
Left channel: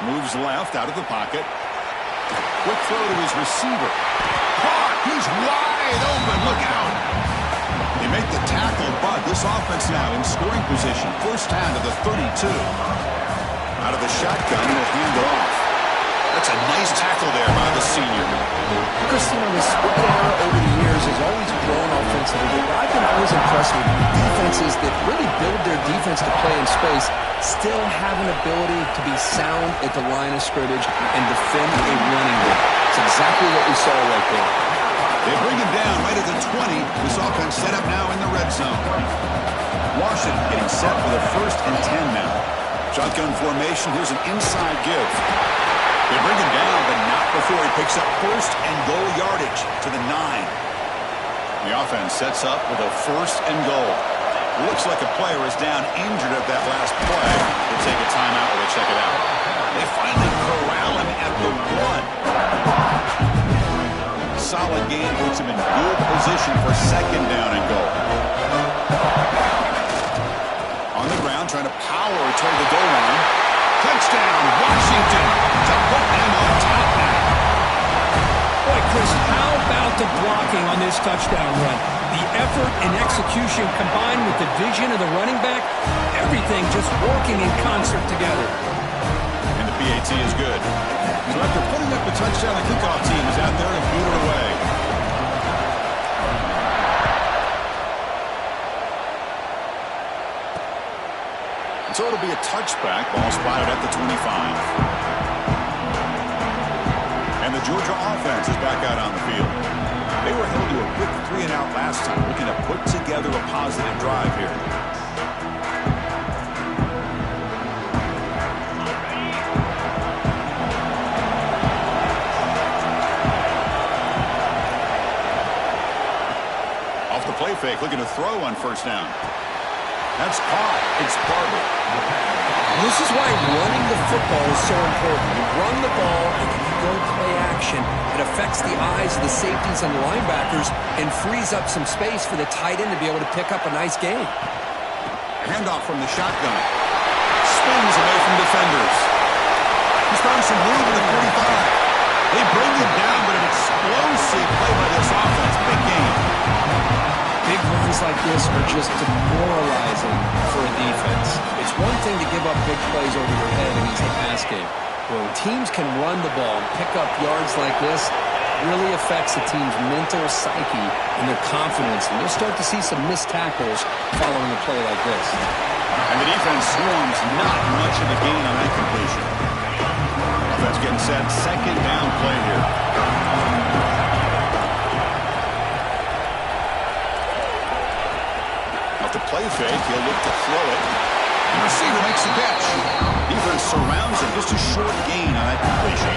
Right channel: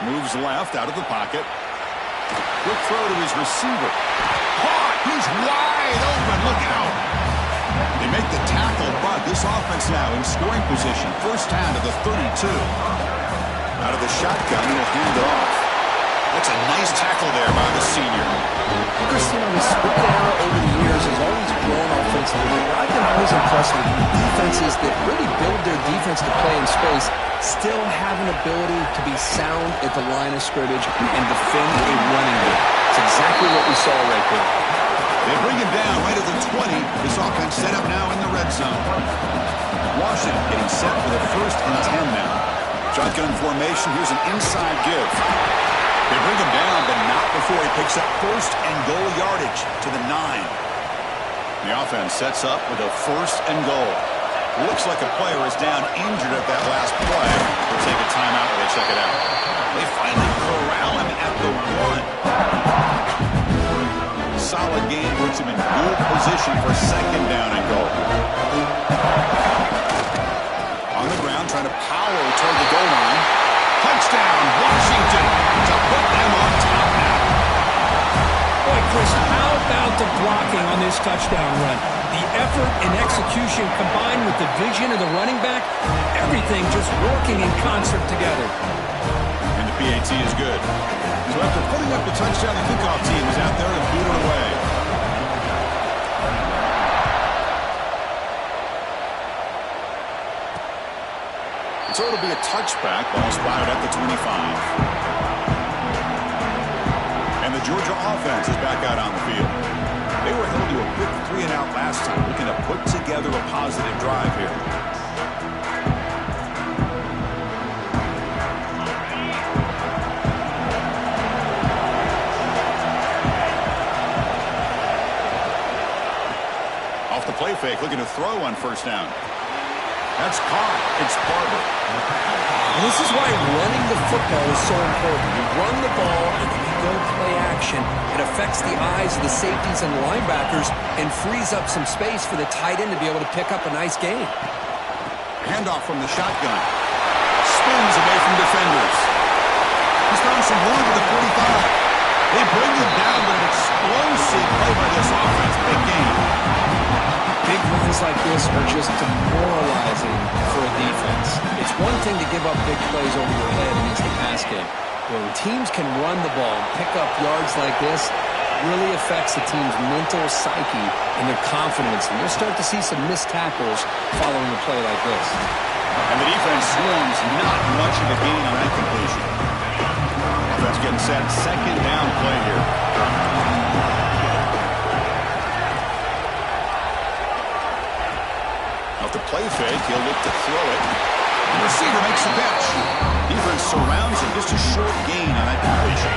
Moves left out of the pocket. Quick throw to his receiver. Caught! He's wide open. Look out! They make the tackle, but this offense now in scoring position. 1st down to the 32. Out of the shotgun, he'll hand it off. That's a nice tackle there by the senior. Chris, the spread era over the years has always grown offensively, but I've been always impressed with defenses that really build their defense to play in space, still have an ability to be sound at the line of scrimmage and defend a running game. It's exactly what we saw right there. They bring him down right at the 20. This offense set up now in the red zone. Washington getting set for the 1st and 10 now. Shotgun formation. Here's an inside give. They bring him down, but not before he picks up 1st and goal yardage to the 9. The offense sets up with a 1st and goal. Looks like a player is down injured at that last play. They'll take a timeout while they check it out. They finally corral him at the 1. Solid game puts him in good position for 2nd down and goal. On the ground, trying to power toward the goal line. Touchdown, Washington, to put them on top now. Boy, Chris, how about the blocking on this touchdown run? The effort and execution combined with the vision of the running back, everything just working in concert together. And the PAT is good. So after putting up the touchdown, the kickoff team is out there to boot it away. And so it'll be a touchback. Ball spotted at the 25. And the Georgia offense is back out on the field. They were held to a quick 3-and-out last time, looking to put together a positive drive here. Off the play fake, looking to throw on 1st down. That's caught. It's Barber. This is why running the football is so important. You run the ball and then you go play action. It affects the eyes of the safeties and linebackers and frees up some space for the tight end to be able to pick up a nice gain. Handoff from the shotgun. Spins away from defenders. He's found some room at the 45. They bring him down, but an explosive play by this offense. Big game. Big runs like this are just demoralizing for a defense. It's one thing to give up big plays over your head against the pass game. But when teams can run the ball and pick up yards like this, it really affects the team's mental psyche and their confidence. And you'll start to see some missed tackles following a play like this. And the defense swarms not much of a gain on that completion. Offense getting set. 2nd down play here. the play fake. He'll look to throw it. The receiver makes the catch. Defense surrounds him. Just a short gain on that completion.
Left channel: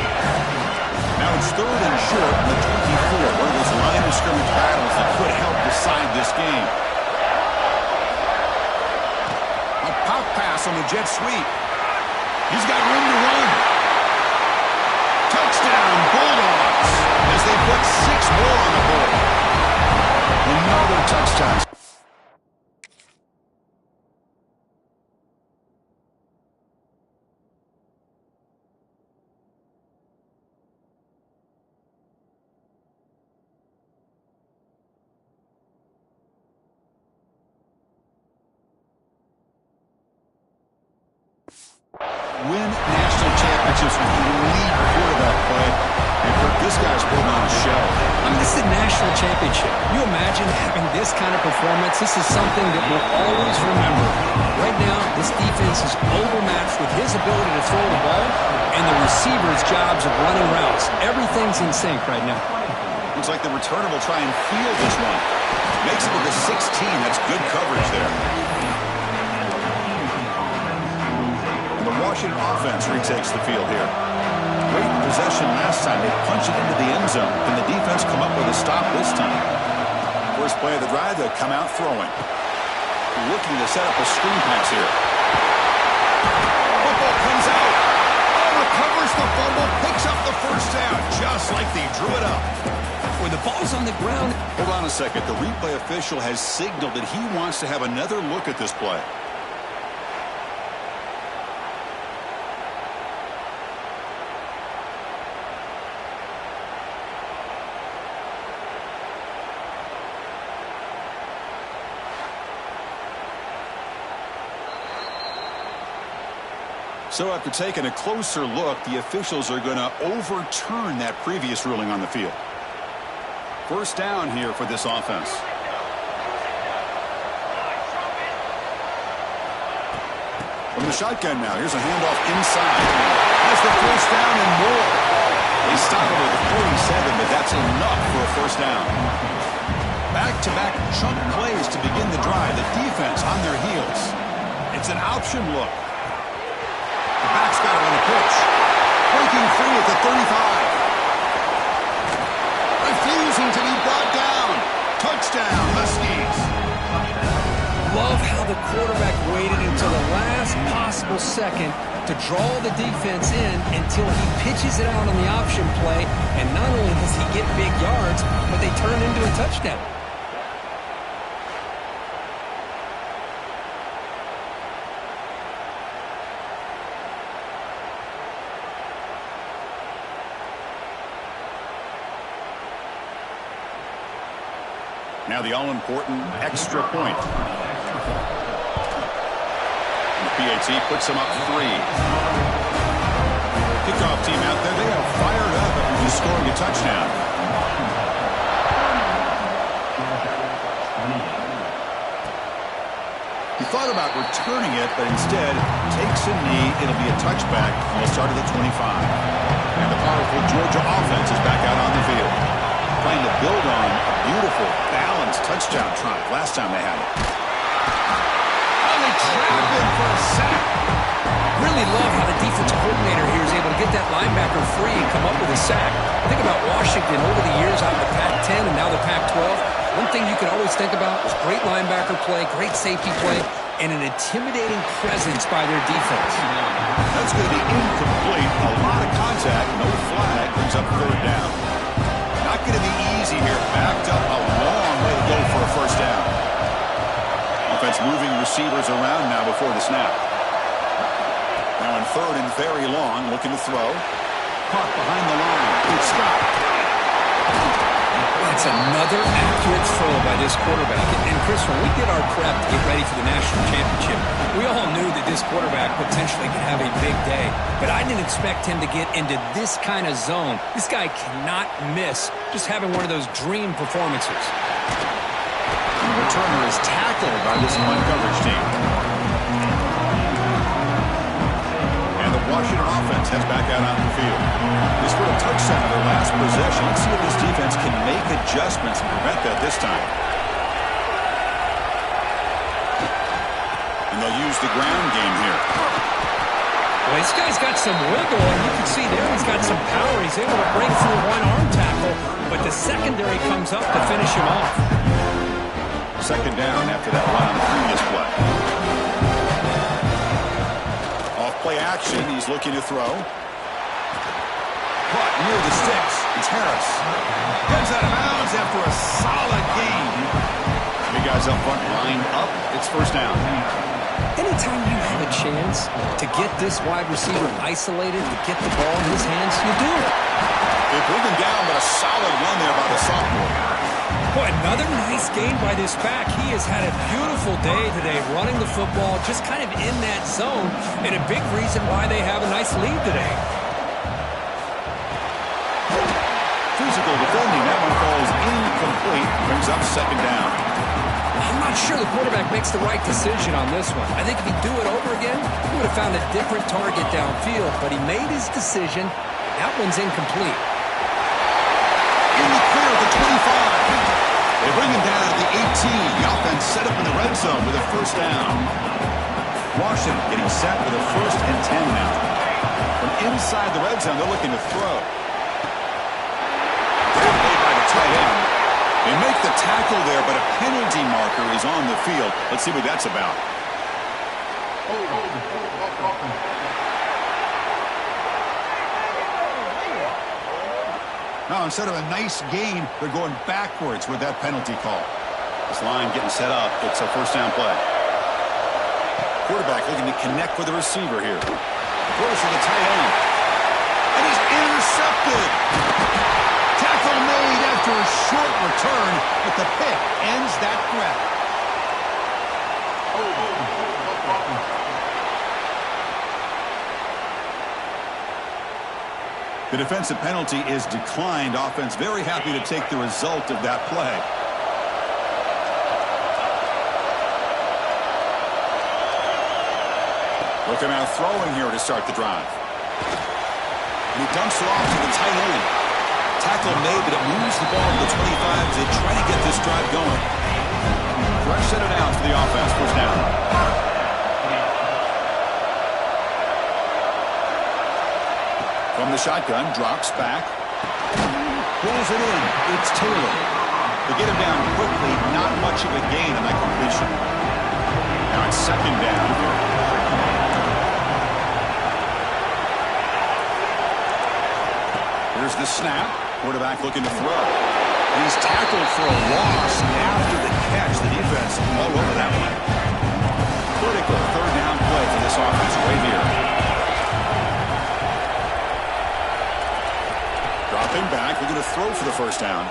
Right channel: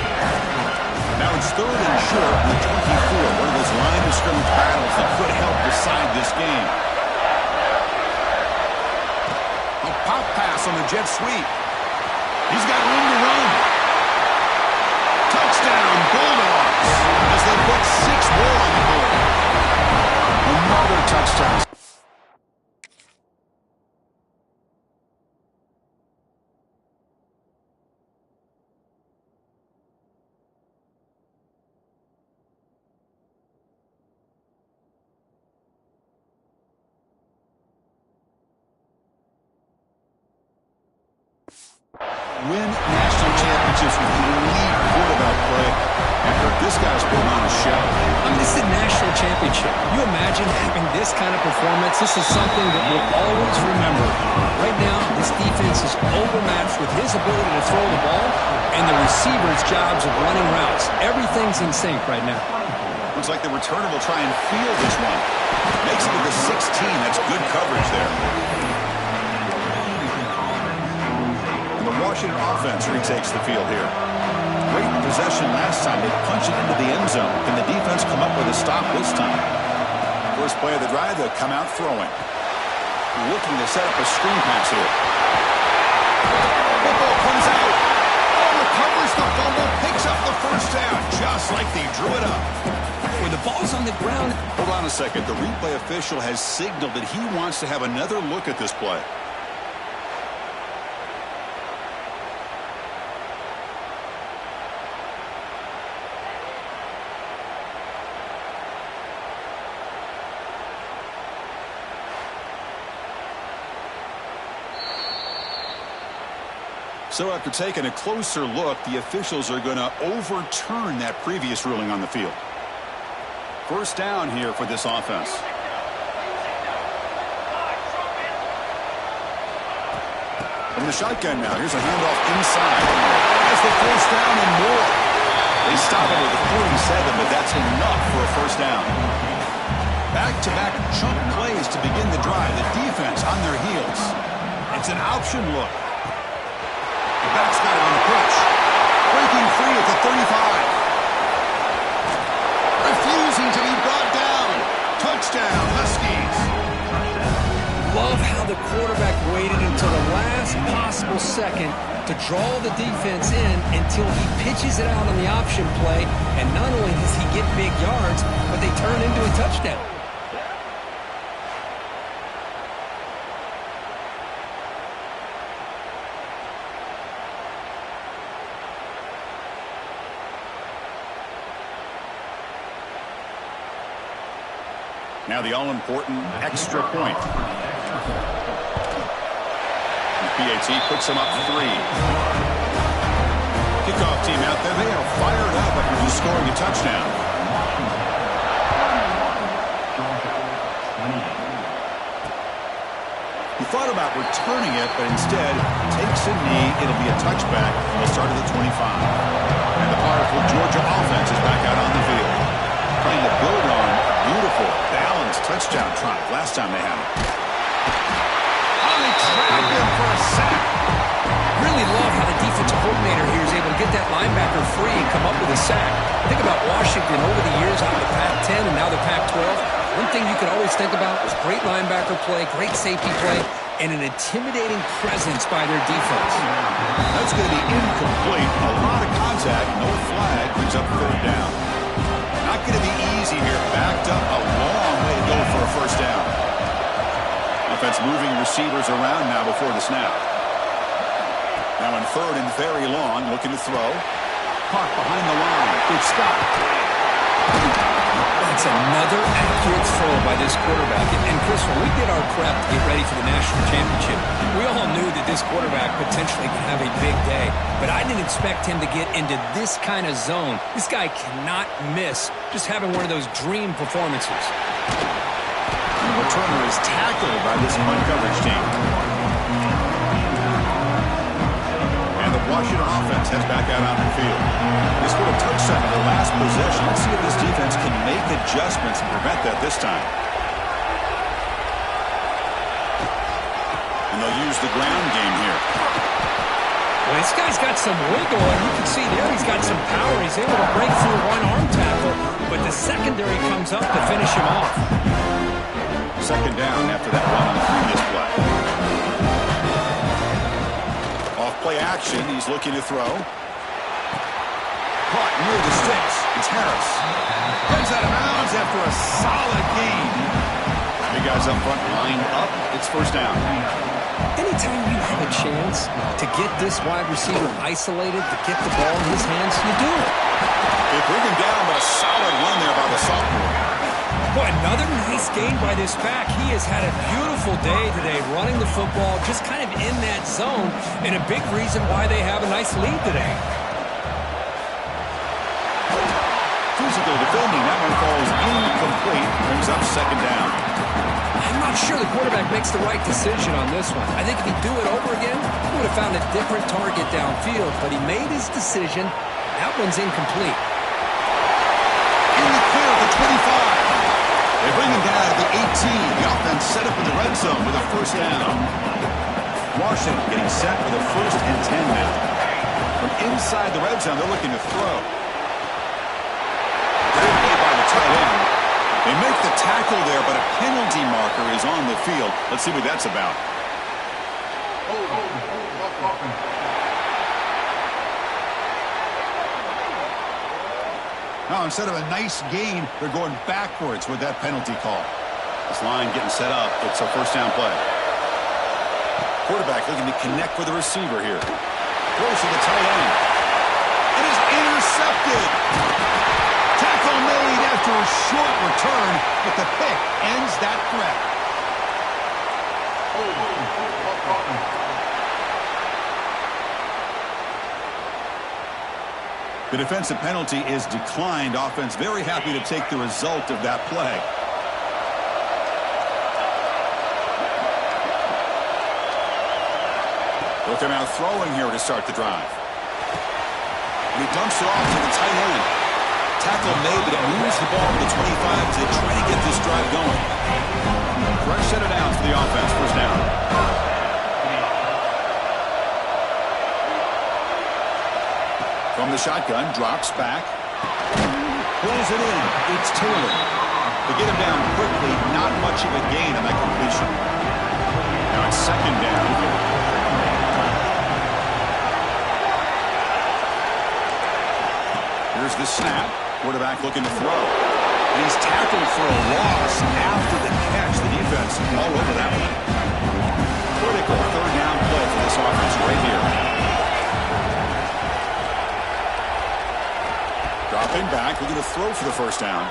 Now it's 3rd and short on the 24. One of those line of scrimmage battles that could help decide this game. A pop pass on the jet sweep. He's got room to run. Touchdown, Bulldogs, as they put 6 more on the board. Another touchdown. Win national championships with elite quarterback play. And Kirk, this guy's putting on a show. I mean, this is a national championship. You imagine having this kind of performance? This is something that we'll always remember. Right now, this defense is overmatched with his ability to throw the ball and the receiver's jobs of running routes. Everything's in sync right now. Looks like the returner will try and field this one. Makes it to the 16. That's good coverage there. The Washington offense retakes the field here. Great possession last time. They punch it into the end zone. Can the defense come up with a stop this time? First play of the drive, they'll come out throwing. Looking to set up a screen pass here. Football comes out. Oh, recovers the fumble, picks up the first down, just like they drew it up. When the ball's on the ground. Hold on a second. The replay official has signaled that he wants to have another look at this play. So after taking a closer look, the officials are going to overturn that previous ruling on the field. First down here for this offense. From the shotgun now, here's a handoff inside. Has the first down and more. They stop it with a 47, but that's enough for a first down. Back-to-back chunk plays to begin the drive. The defense on their heels. It's an option look. The back's got it on the pitch. Breaking free at the 35. Refusing to be brought down. Touchdown, Huskies. Love how the quarterback waited until the last possible second to draw the defense in until he pitches it out on the option play. And not only does he get big yards, but they turn into a touchdown. Now the all-important extra point. The PAT puts them up 3. Kickoff team out there. They are fired up after just scoring a touchdown. He thought about returning it, but instead takes a knee. It'll be a touchback from the start of the 25. And the powerful Georgia offense is back out on the field, trying to build on a beautiful, balanced touchdown drive last time they had it. Oh, they trap him for a sack. Really love how the defensive coordinator here is able to get that linebacker free and come up with a sack. Think about Washington over the years out of the Pac-10 and now the Pac-12. One thing you could always think about was great linebacker play, great safety play, and an intimidating presence by their defense. That's going to be incomplete. A lot of contact, no flag, brings up 3rd down. Not going to be easy here. Backed up a long way to go for a first down. Offense moving receivers around now before the snap. Now in 3rd and very long, looking to throw. Caught behind the line. It's Scott. That's another accurate throw by this quarterback. And Chris, when we did our prep to get ready for the national championship, we all knew that this quarterback potentially could have a big day. But I didn't expect him to get into this kind of zone. This guy cannot miss just having one of those dream performances. And the returner is tackled by this punt coverage team. And the Washington offense heads back out on the field. They scored a touchdown on their last possession. Let's see if this defense can make adjustments and prevent that this time. And they'll use the ground game here. Well, this guy's got some wiggle, and you can see there he's got some power. He's able to break through one arm tackle, but the secondary comes up to finish him off. Second down after that run on the previous play. Off play action, he's looking to throw. Caught near the sticks. It's Harris. Goes out of bounds after a solid gain. Big guys up front lined up. It's first down. Anytime you have a chance to get this wide receiver isolated, to get the ball in his hands, you do it. They bring him down, but a solid run there by the sophomore. Boy, another nice game by this back. He has had a beautiful day today running the football, just kind of in that zone, and a big reason why they have a nice lead today. Physical defending. That one falls incomplete. Brings up second down. I'm not sure the quarterback makes the right decision on this one. I think if he'd do it over again, he would have found a different target downfield, but he made his decision. That one's incomplete. In the clear at the 25. They bring him down at the 18. The offense set up in the red zone with a first down. Washington getting set with a 1st and 10 now. From inside the red zone, they're looking to throw. Grab made by the tight end. They make the tackle there, but a penalty marker is on the field. Let's see what that's about. Now, instead of a nice gain, they're going backwards with that penalty call. This line getting set up. It's a first down play. Quarterback looking to connect with the receiver here. Throws to the tight end. And is intercepted. Tackle made after a short return, but the pick ends that threat. The defensive penalty is declined. Offense very happy to take the result of that play. Look him out throwing here to start the drive. And he dumps it off to the tight end. Tackle made, but it moves the ball to the 25 as they try to get this drive going. Fresh set of downs for the offense. First down. From the shotgun, drops back. Pulls it in. It's Taylor. They get him down quickly. Not much of a gain on that completion. Now it's second down here. Here's the snap. Quarterback looking to throw. And he's tackled for a loss after the catch. The defense all over that one. Critical third down play for this offense right here. Dropping back, looking to throw for the first down.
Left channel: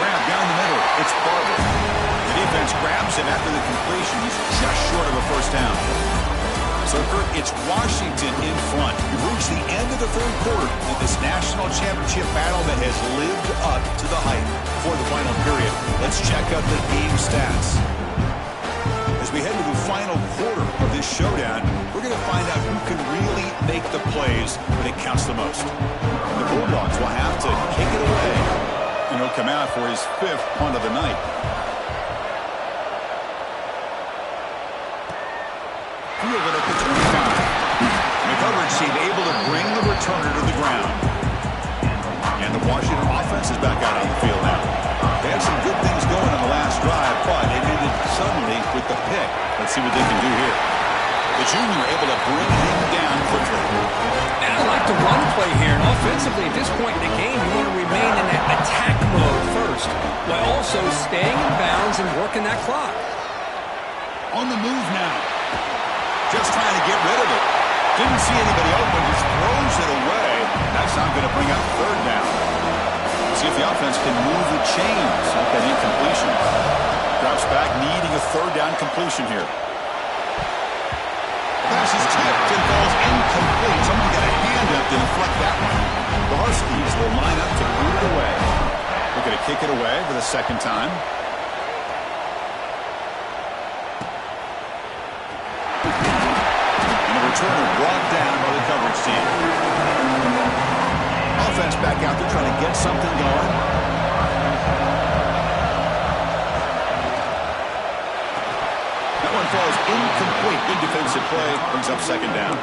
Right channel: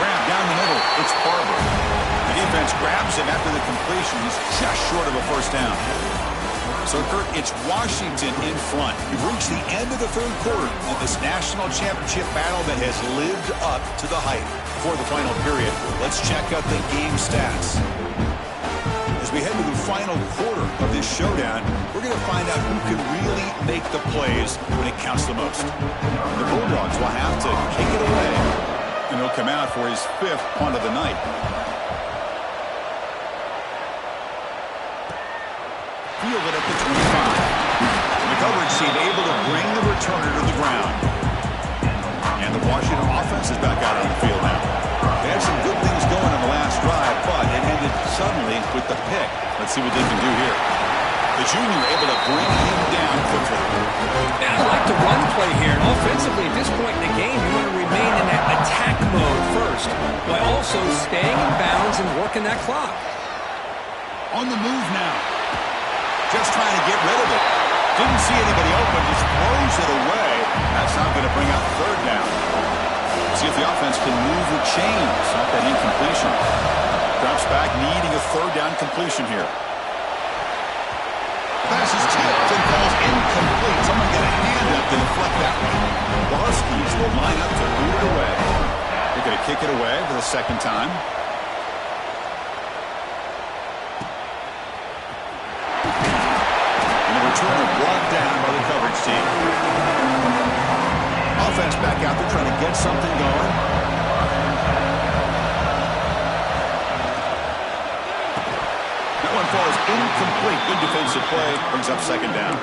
Grab down the middle. It's Barber. The defense grabs him after the completion. He's just short of a first down. So, Kurt, it's Washington in front. We've reached the end of the third quarter of this national championship battle that has lived up to the hype for the final period. Let's check out the game stats. As we head to the final quarter of this showdown, we're going to find out who can really make the plays when it counts the most. And the Bulldogs will have to kick it away, and he'll come out for his 5th punt of the night. Fielded at the 25. And the coverage team able to bring the returner to the ground. And the Washington offense is back out on the field now. They had some good things going on the last drive, but it ended suddenly with the pick. Let's see what they can do here. The junior able to bring him down quickly. I like the run play here. And offensively, at this point in the game, you want to remain in that attack mode first, while also staying in bounds and working that clock. On the move now. Just trying to get rid of it. Didn't see anybody open, just throws it away. That's not going to bring up third down. See if the offense can move the chains off that incompletion. Drops back, needing a third down completion here. The pass is tipped and falls incomplete. Someone got a hand up to deflect that one. The Huskies will line up to boot it away. They're going to kick it away for the second time. Returner brought down by the coverage team. Offense back out there trying to get something going. That one falls incomplete. Good defensive play. Brings up second down.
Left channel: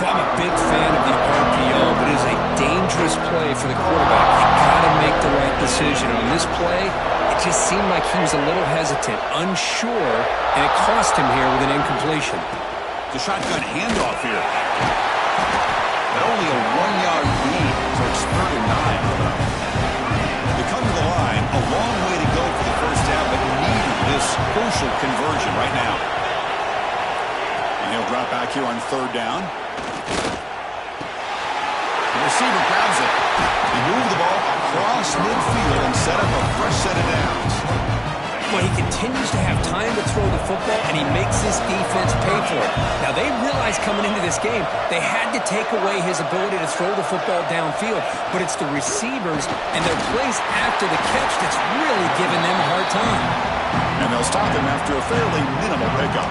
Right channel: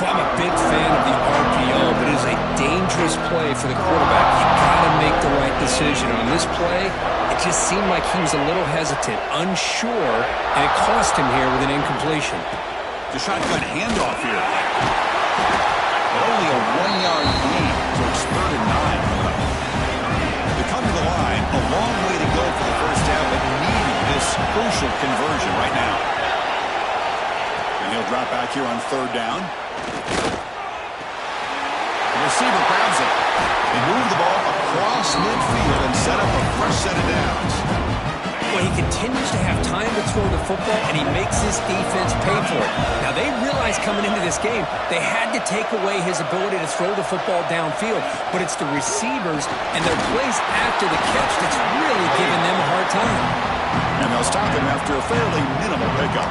Well, I'm a big fan of the RPO, but it is a dangerous play for the quarterback. You got to make the right decision. On this play, it just seemed like he was a little hesitant, unsure, and it cost him here with an incompletion. The shotgun handoff here. But only a 1-yard gain, so it's 3rd and 9 coming up. They come to the line, a long way to go for the first down, but needing this crucial conversion right now. And he'll drop back here on 3rd down. The receiver grabs it. They move the ball across midfield and set up a fresh set of downs. Well, he continues to have time to throw the football, and he makes this defense pay for it. Now, they realized coming into this game, they had to take away his ability to throw the football downfield, but it's the receivers and their plays after the catch that's really giving them a hard time. And they'll stop him after a fairly minimal pickup.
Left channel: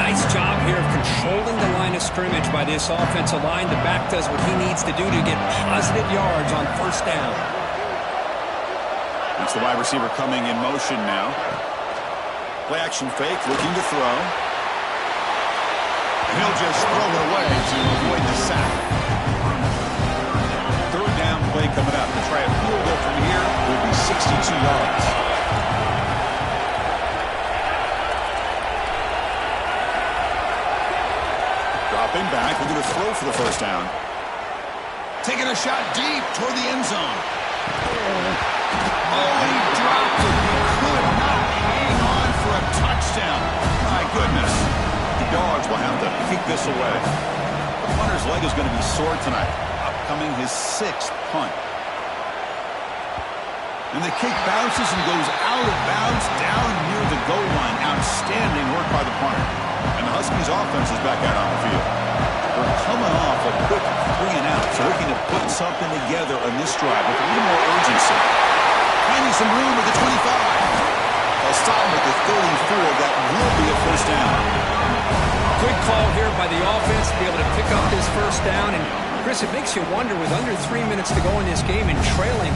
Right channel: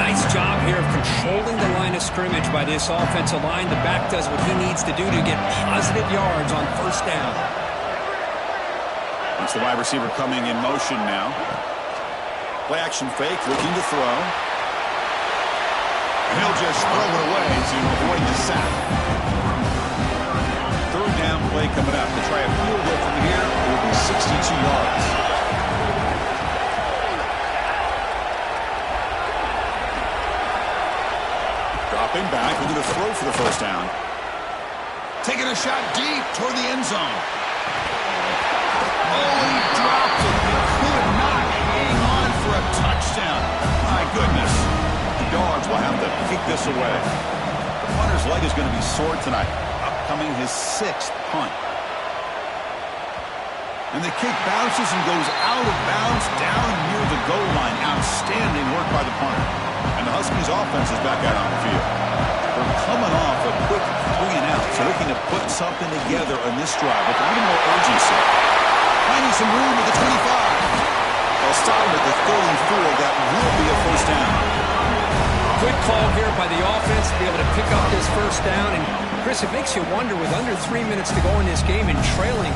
Nice job here of controlling the line of scrimmage by this offensive line. The back does what he needs to do to get positive yards on first down. It's the wide receiver coming in motion now. Play action fake, looking to throw. And he'll just throw it away to avoid the sack. 3rd down play coming up. To try a field goal from here, it will be 62 yards. Dropping back, looking to throw for the first down. Taking a shot deep toward the end zone. Oh, he dropped it. He could not hang on for a touchdown. My goodness. The Dogs will have to kick this away. The punter's leg is going to be sore tonight. Upcoming his 6th punt. And the kick bounces and goes out of bounds down near the goal line. Outstanding work by the punter. And the Huskies offense is back out on the field. They're coming off a quick 3 and out. So looking to put something together on this drive with a little more urgency. Finding some room at the 25. They'll stop him at the 34. That will be a first down. Good call here by the offense to be able to pick up this first down. And, Chris, it makes you wonder with under 3 minutes to go in this game and trailing.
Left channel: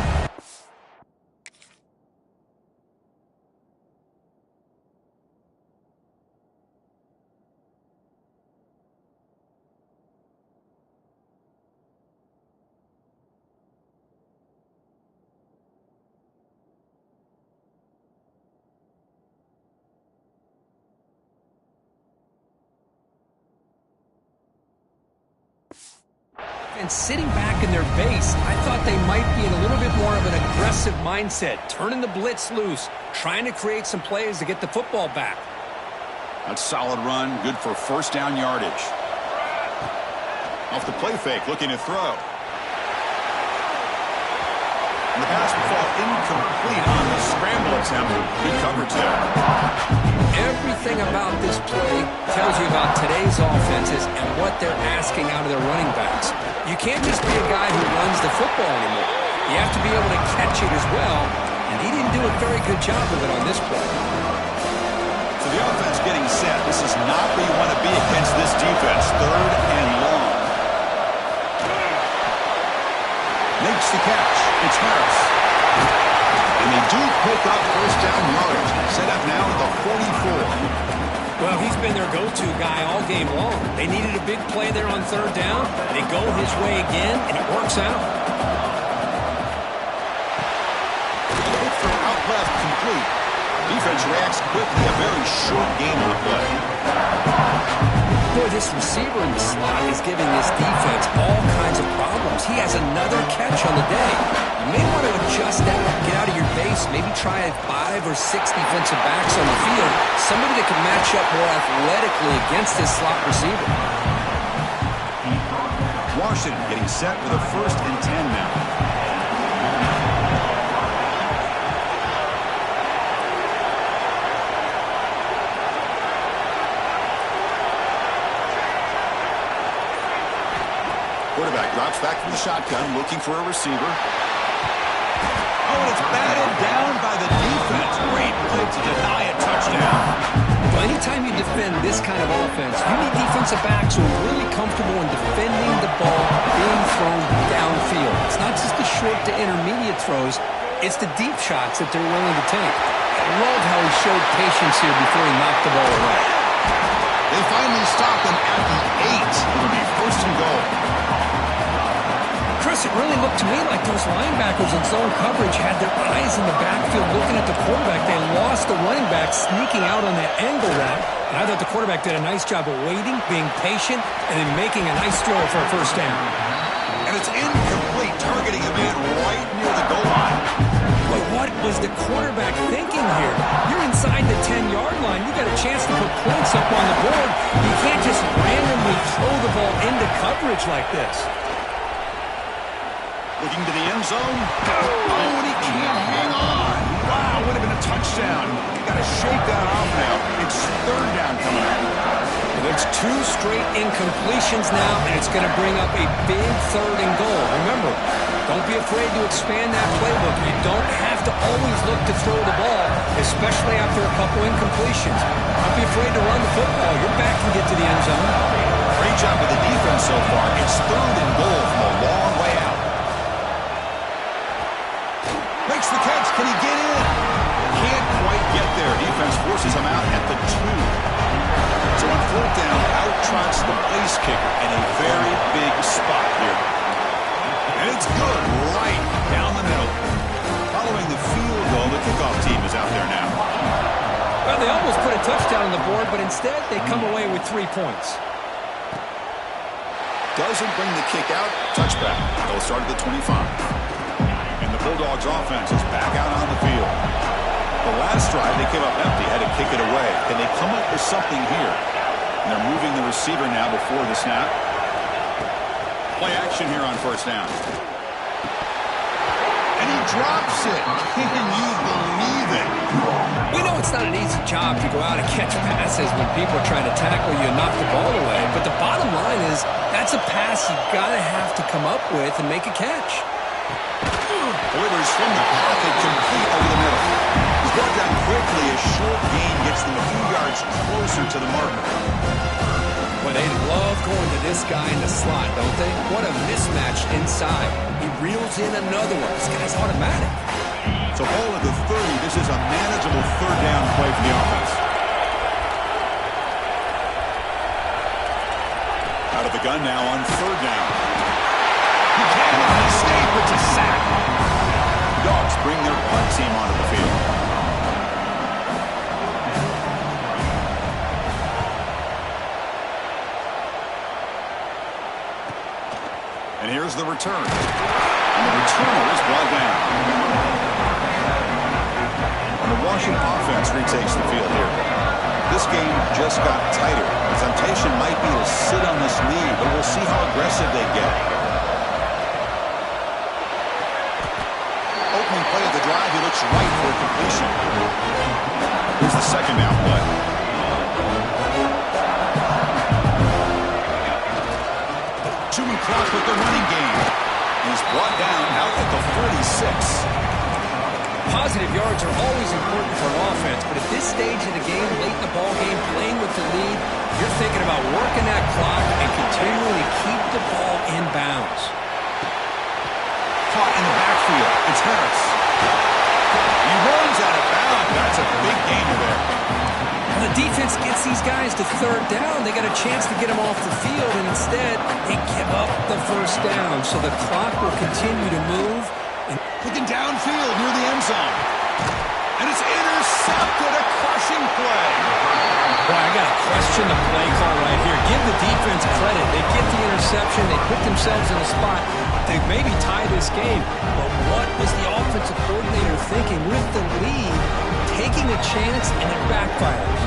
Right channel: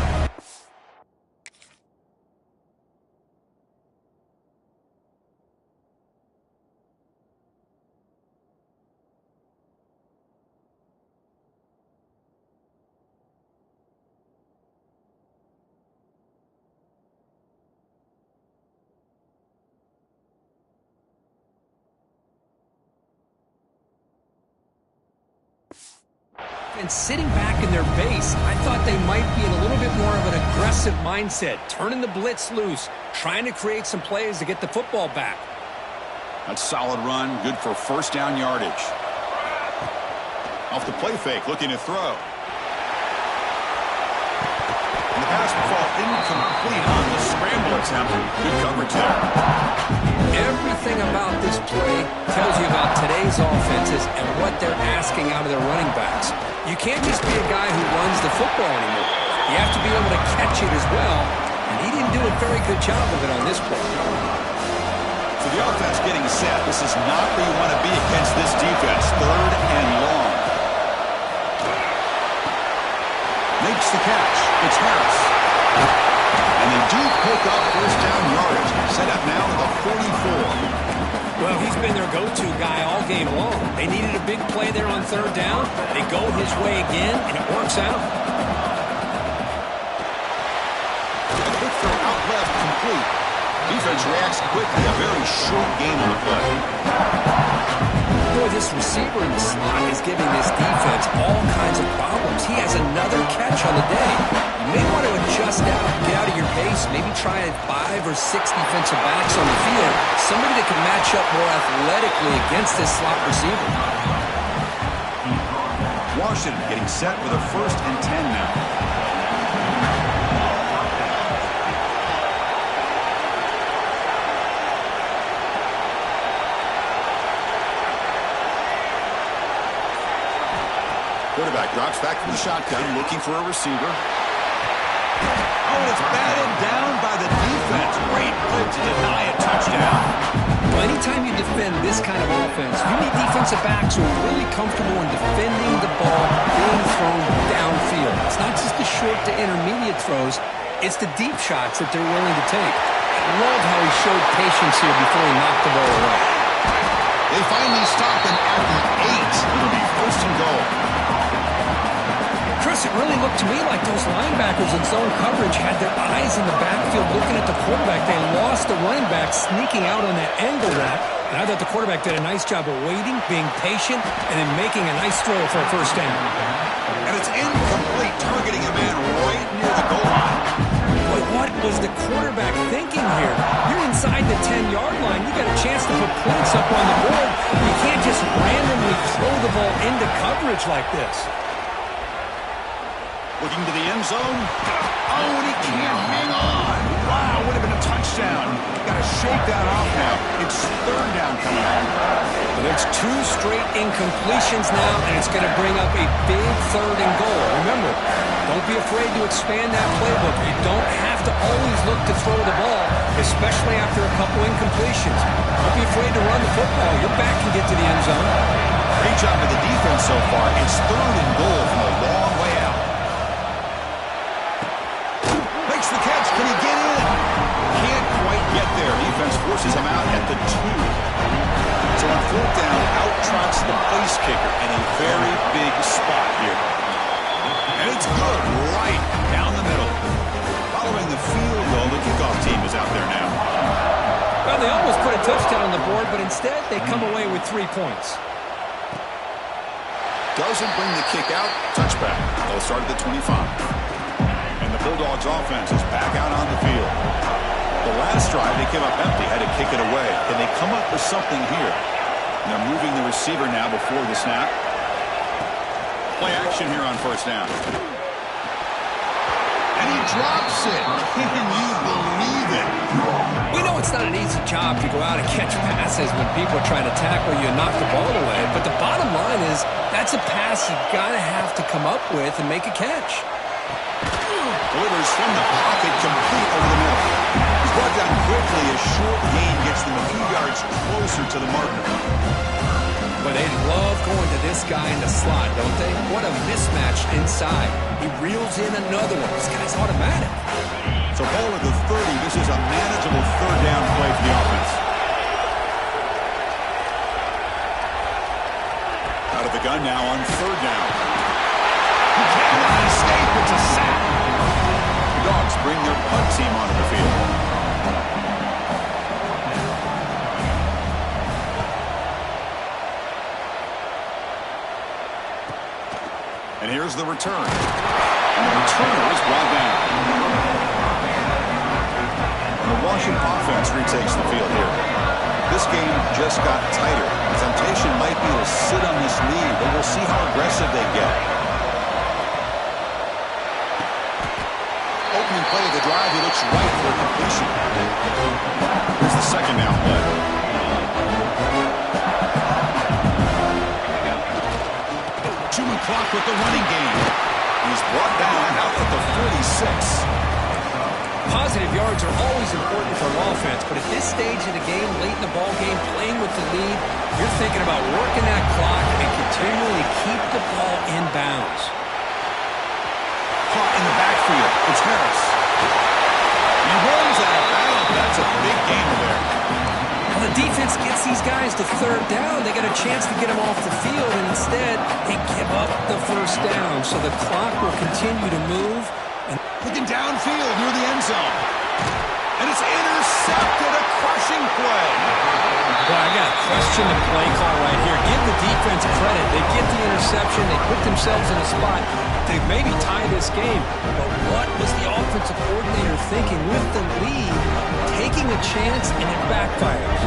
And sitting back in their base, I thought they might be in a little bit more of an aggressive mindset, turning the blitz loose, trying to create some plays to get the football back. That's a solid run, good for first down yardage. Off the play fake, looking to throw. And the pass will fall incomplete on the scramble attempt. Good coverage there. Everything about this play tells you about today's offenses and what they're asking out of their running backs. You can't just be a guy who runs the football anymore. You have to be able to catch it as well, and he didn't do a very good job of it on this play. So the offense getting set. This is not where you want to be against this defense. 3rd and long. Makes the catch. It's Harris. And they do pick up first down yardage. Set up now at the 44. Well, he's been their go-to guy all game long. They needed a big play there on 3rd down. They go his way again, and it works out. A quick throw out left, complete. Defense reacts quickly. A very short game on the play. Boy, this receiver in the slot is giving this defense all kinds of problems. He has another catch on the day. You may want to adjust out, get out of your base, maybe try 5 or 6 defensive backs on the field. Somebody that can match up more athletically against this slot receiver. Washington getting set with a 1st and 10 now. Quarterback drops back from the shotgun, looking for a receiver. Oh, and it's batted down by the defense. Great play to deny a touchdown. Well, anytime you defend this kind of offense, you need defensive backs who are really comfortable in defending the ball being thrown downfield. It's not just the short to intermediate throws. It's the deep shots that they're willing to take. Love how he showed patience here before he knocked the ball away. They finally stop him at the 8. It'll be first and goal. Chris, it really looked to me like those linebackers in zone coverage had their eyes in the backfield looking at the quarterback. They lost the running back sneaking out on that angle route. And I thought the quarterback did a nice job of waiting, being patient, and then making a nice throw for a first down. And it's incomplete, targeting a man right near the goal line. Boy, what was the quarterback thinking here? You're inside the 10-yard line. You got a chance to put points up on the board. You can't just randomly throw the ball into coverage like this. Looking to the end zone. Oh, and he can't hang on. Wow, would have been a touchdown. Got to shake that off now. It's third down coming up. Well, there's 2 straight incompletions now, and it's going to bring up a big third and goal. Remember, don't be afraid to expand that playbook. You don't have to always look to throw the ball, especially after a couple incompletions. Don't be afraid to run the football. Your back can get to the end zone. Great job by the defense so far. It's third and goal from a long way out. Makes the catch. Can he get in? Can't quite get there. Defense forces him out at the 2. So on fourth down, out trots the place kicker in a very big spot here. And it's good right down the middle. Following the field goal, the kickoff team is out there now. Well, they almost put a touchdown on the board, but instead they come away with 3 points. Doesn't bring the kick out. Touchback. They'll start at the 25. And the Bulldogs offense is back out on the field. The last drive, they came up empty, had to kick it away. Can they come up with something here? And they're moving the receiver now before the snap. Play action here on first down. And he drops it. Can you believe it? We know it's not an easy job to go out and catch passes when people are trying to tackle you and knock the ball away. But the bottom line is that's a pass you got to have to come up with and make a catch. Delivers from the pocket, complete over the middle. He's brought down quickly. A short gain gets them a few yards closer to the marker. Well, they love going to this guy in the slot, don't they? What a mismatch inside. He reels in another one. This guy's automatic. So ball at the 30. This is a manageable third down play for the offense. Out of the gun now on third down. He cannot escape. It's a sack. The Dogs bring their punt team onto the field. And here's the return. And the returner is brought down. And the Washington offense retakes the field here. This game just got tighter. The temptation might be to sit on this lead, but we'll see how aggressive they get. Opening play of the drive, he looks right for a completion. Here's the second down play. Two-man clock with the running game. He's brought down out at the 46. Positive yards are always important for an offense, but at this stage of the game, late in the ball game, playing with the lead, you're thinking about working that clock and continually keep the ball in bounds. Caught in the backfield. It's Harris. He runs out of bounds. That's a big gainer there. Well, the defense gets these guys to third down. They got a chance to get them off the field, and instead they give up the first down. So the clock will continue to move. And looking downfield near the end zone. And it's intercepted. A crushing play. Boy, I got to question the play call right here. Give the defense credit. They get the interception. They put themselves in a spot to maybe tie this game. But what was the offensive coordinator thinking with the lead, taking a chance, and it backfires?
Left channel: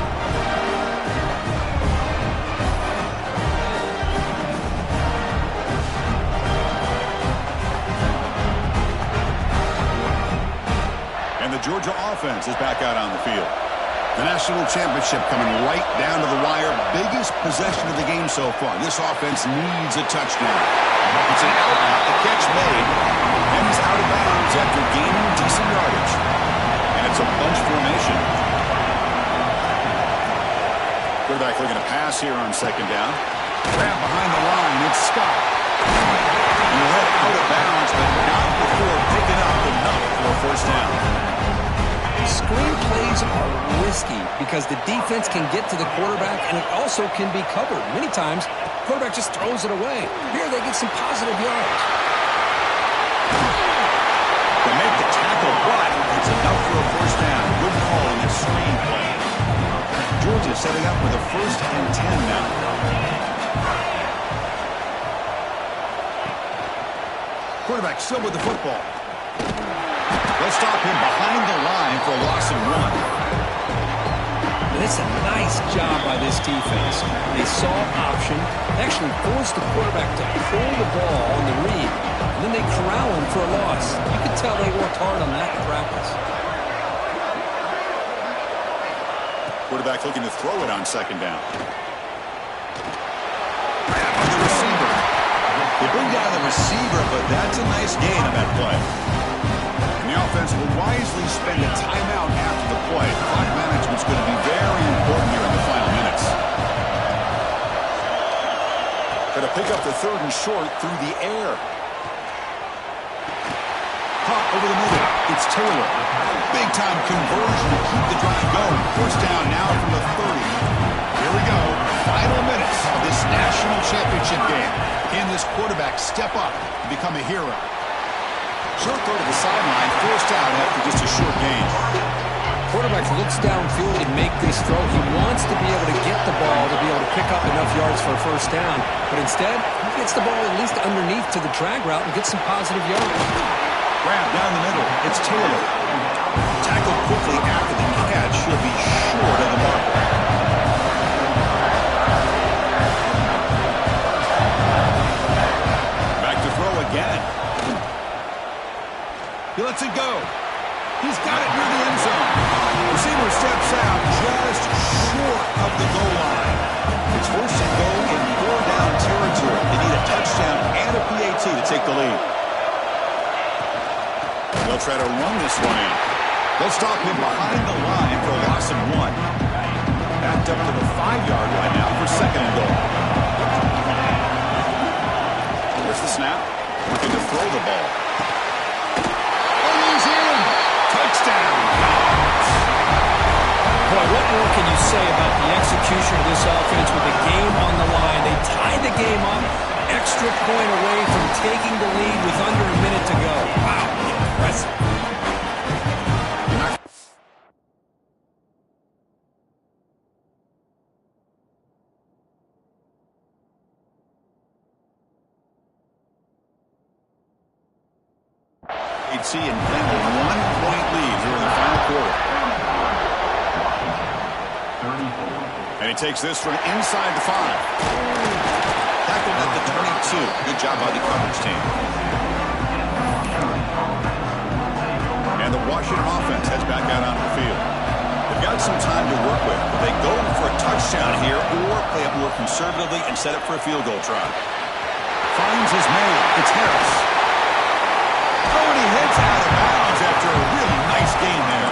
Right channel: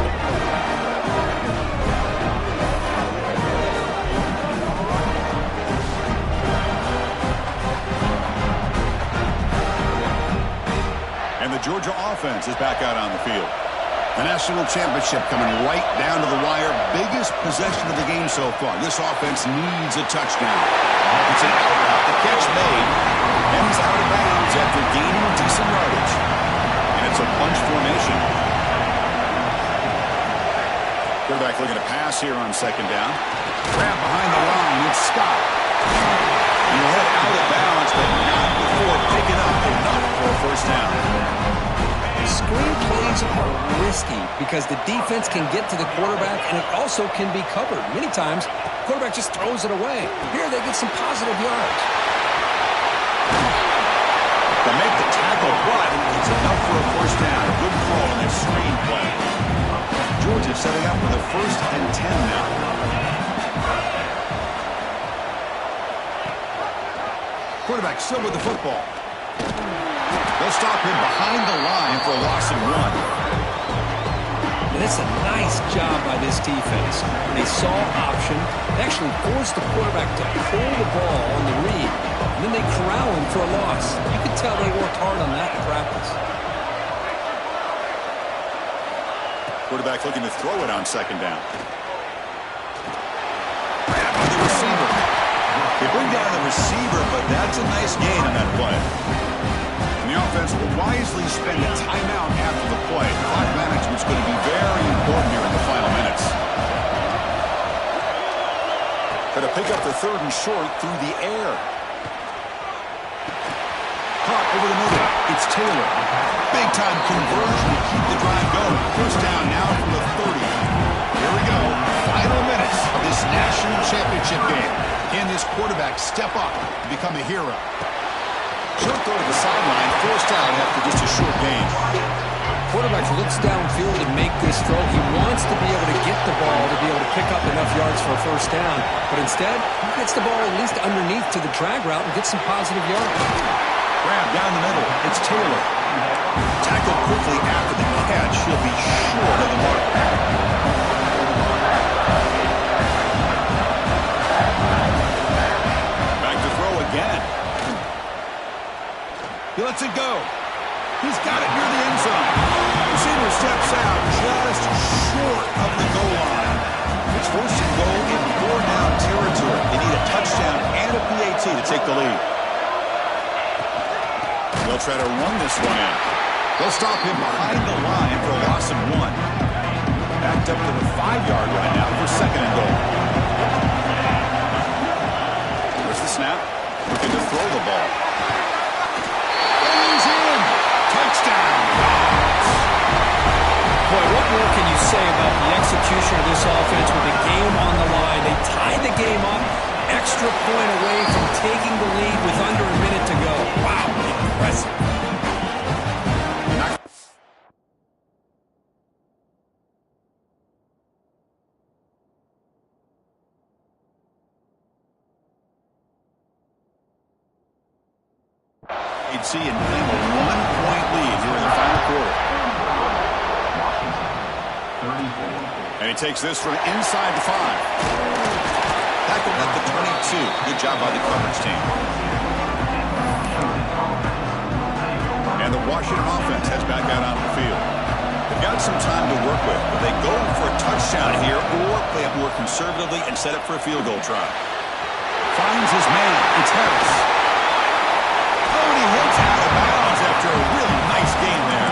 And the Georgia offense is back out on the field. The national championship coming right down to the wire. Biggest possession of the game so far. This offense needs a touchdown. It's an out route. The catch made. And he's out of bounds after gaining decent yardage. And it's a bunch formation. Quarterback looking to pass here on second down. Grab behind the line. It's Scott. And he'll head out of bounds, but not before picking up enough for a first down. screen plays are risky because the defense can get to the quarterback, and it also can be covered. Many times, the quarterback just throws it away. Here, they get some positive yards. To make the tackle, but it's enough for a first down. Good call in this screen play. Georgia setting up with a 1st and 10 now. Quarterback still with the football. They'll stop him behind the line for a loss of 1. And it's a nice job by this defense. They saw option, they actually forced the quarterback to pull the ball on the read, and then they corral him for a loss. You can tell they worked hard on that in practice. Quarterback looking to throw it on 2nd down. Grab by the receiver. They bring down the receiver, but that's a nice gain on that play. And the offense will wisely spend a timeout after the play. Clock management's going to be very important here in the final minutes. Going to pick up the 3rd and short through the air. Caught over the middle. It's Taylor. Big-time conversion to keep the drive going. First down now from the 30. Here we go. Final minutes of this national championship game. Can this quarterback step up and become a hero? Short throw to the sideline, forced out after just a short gain. Quarterback looks downfield to make this throw. He wants to be able to get the ball to be able to pick up enough yards for a first down. But instead, he gets the ball at least underneath to the drag route and gets some positive yards. Grab down the middle. It's Taylor. Tackled quickly after the catch. He'll be short of the marker. Back to throw again. He lets it go. He's got it near the end zone. Receiver steps out just short of the goal line. It's 1st and goal in 4-down territory. They need a touchdown and a PAT to take the lead. They'll try to run this one in. They'll stop him behind the line for a loss of 1. Backed up to the 5-yard line now for 2nd and goal. There's the snap. Looking to throw the ball. He's in. Touchdown. Boy, what more can you say about the execution of this offense with the game on the line? They tied the game up, extra point away from taking the lead with under a minute to go. Wow, impressive. See and claim a 1-point lead here in the final quarter. And he takes this from inside the 5. Tackled at the 22. Good job by the coverage team. And the Washington offense heads back out onto the field. They've got some time to work with. Will they go for a touchdown here or play it more conservatively and set up for a field goal try? Finds his man. It's Harris. Oh, and he heads out of bounds after a really nice game there.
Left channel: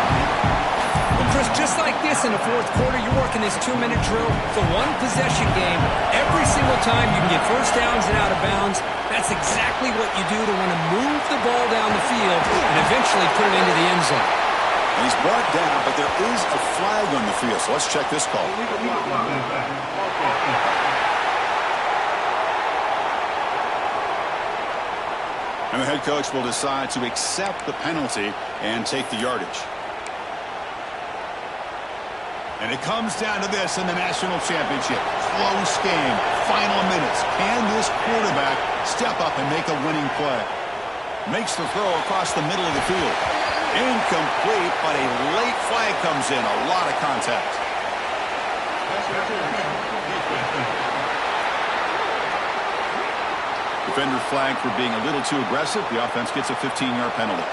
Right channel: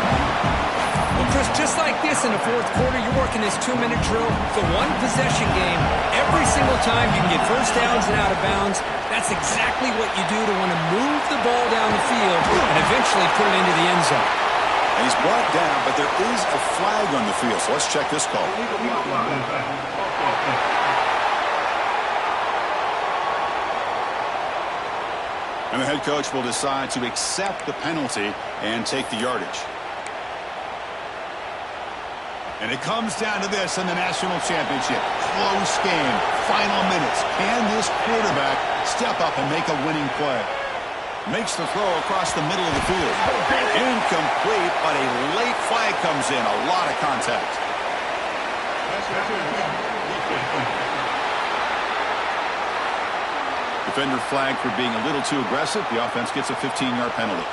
Well, Chris, just like this in the 4th quarter, you're working this 2-minute drill. It's a one-possession game. Every single time you can get first downs and out of bounds. That's exactly what you do to want to move the ball down the field and eventually put it into the end zone. And he's brought down, but there is a flag on the field, so let's check this call. And the head coach will decide to accept the penalty and take the yardage. And it comes down to this in the national championship. Close game. Final minutes. Can this quarterback step up and make a winning play? Makes the throw across the middle of the field. Incomplete, but a late flag comes in. A lot of contact. Defender flagged for being a little too aggressive. The offense gets a 15-yard penalty.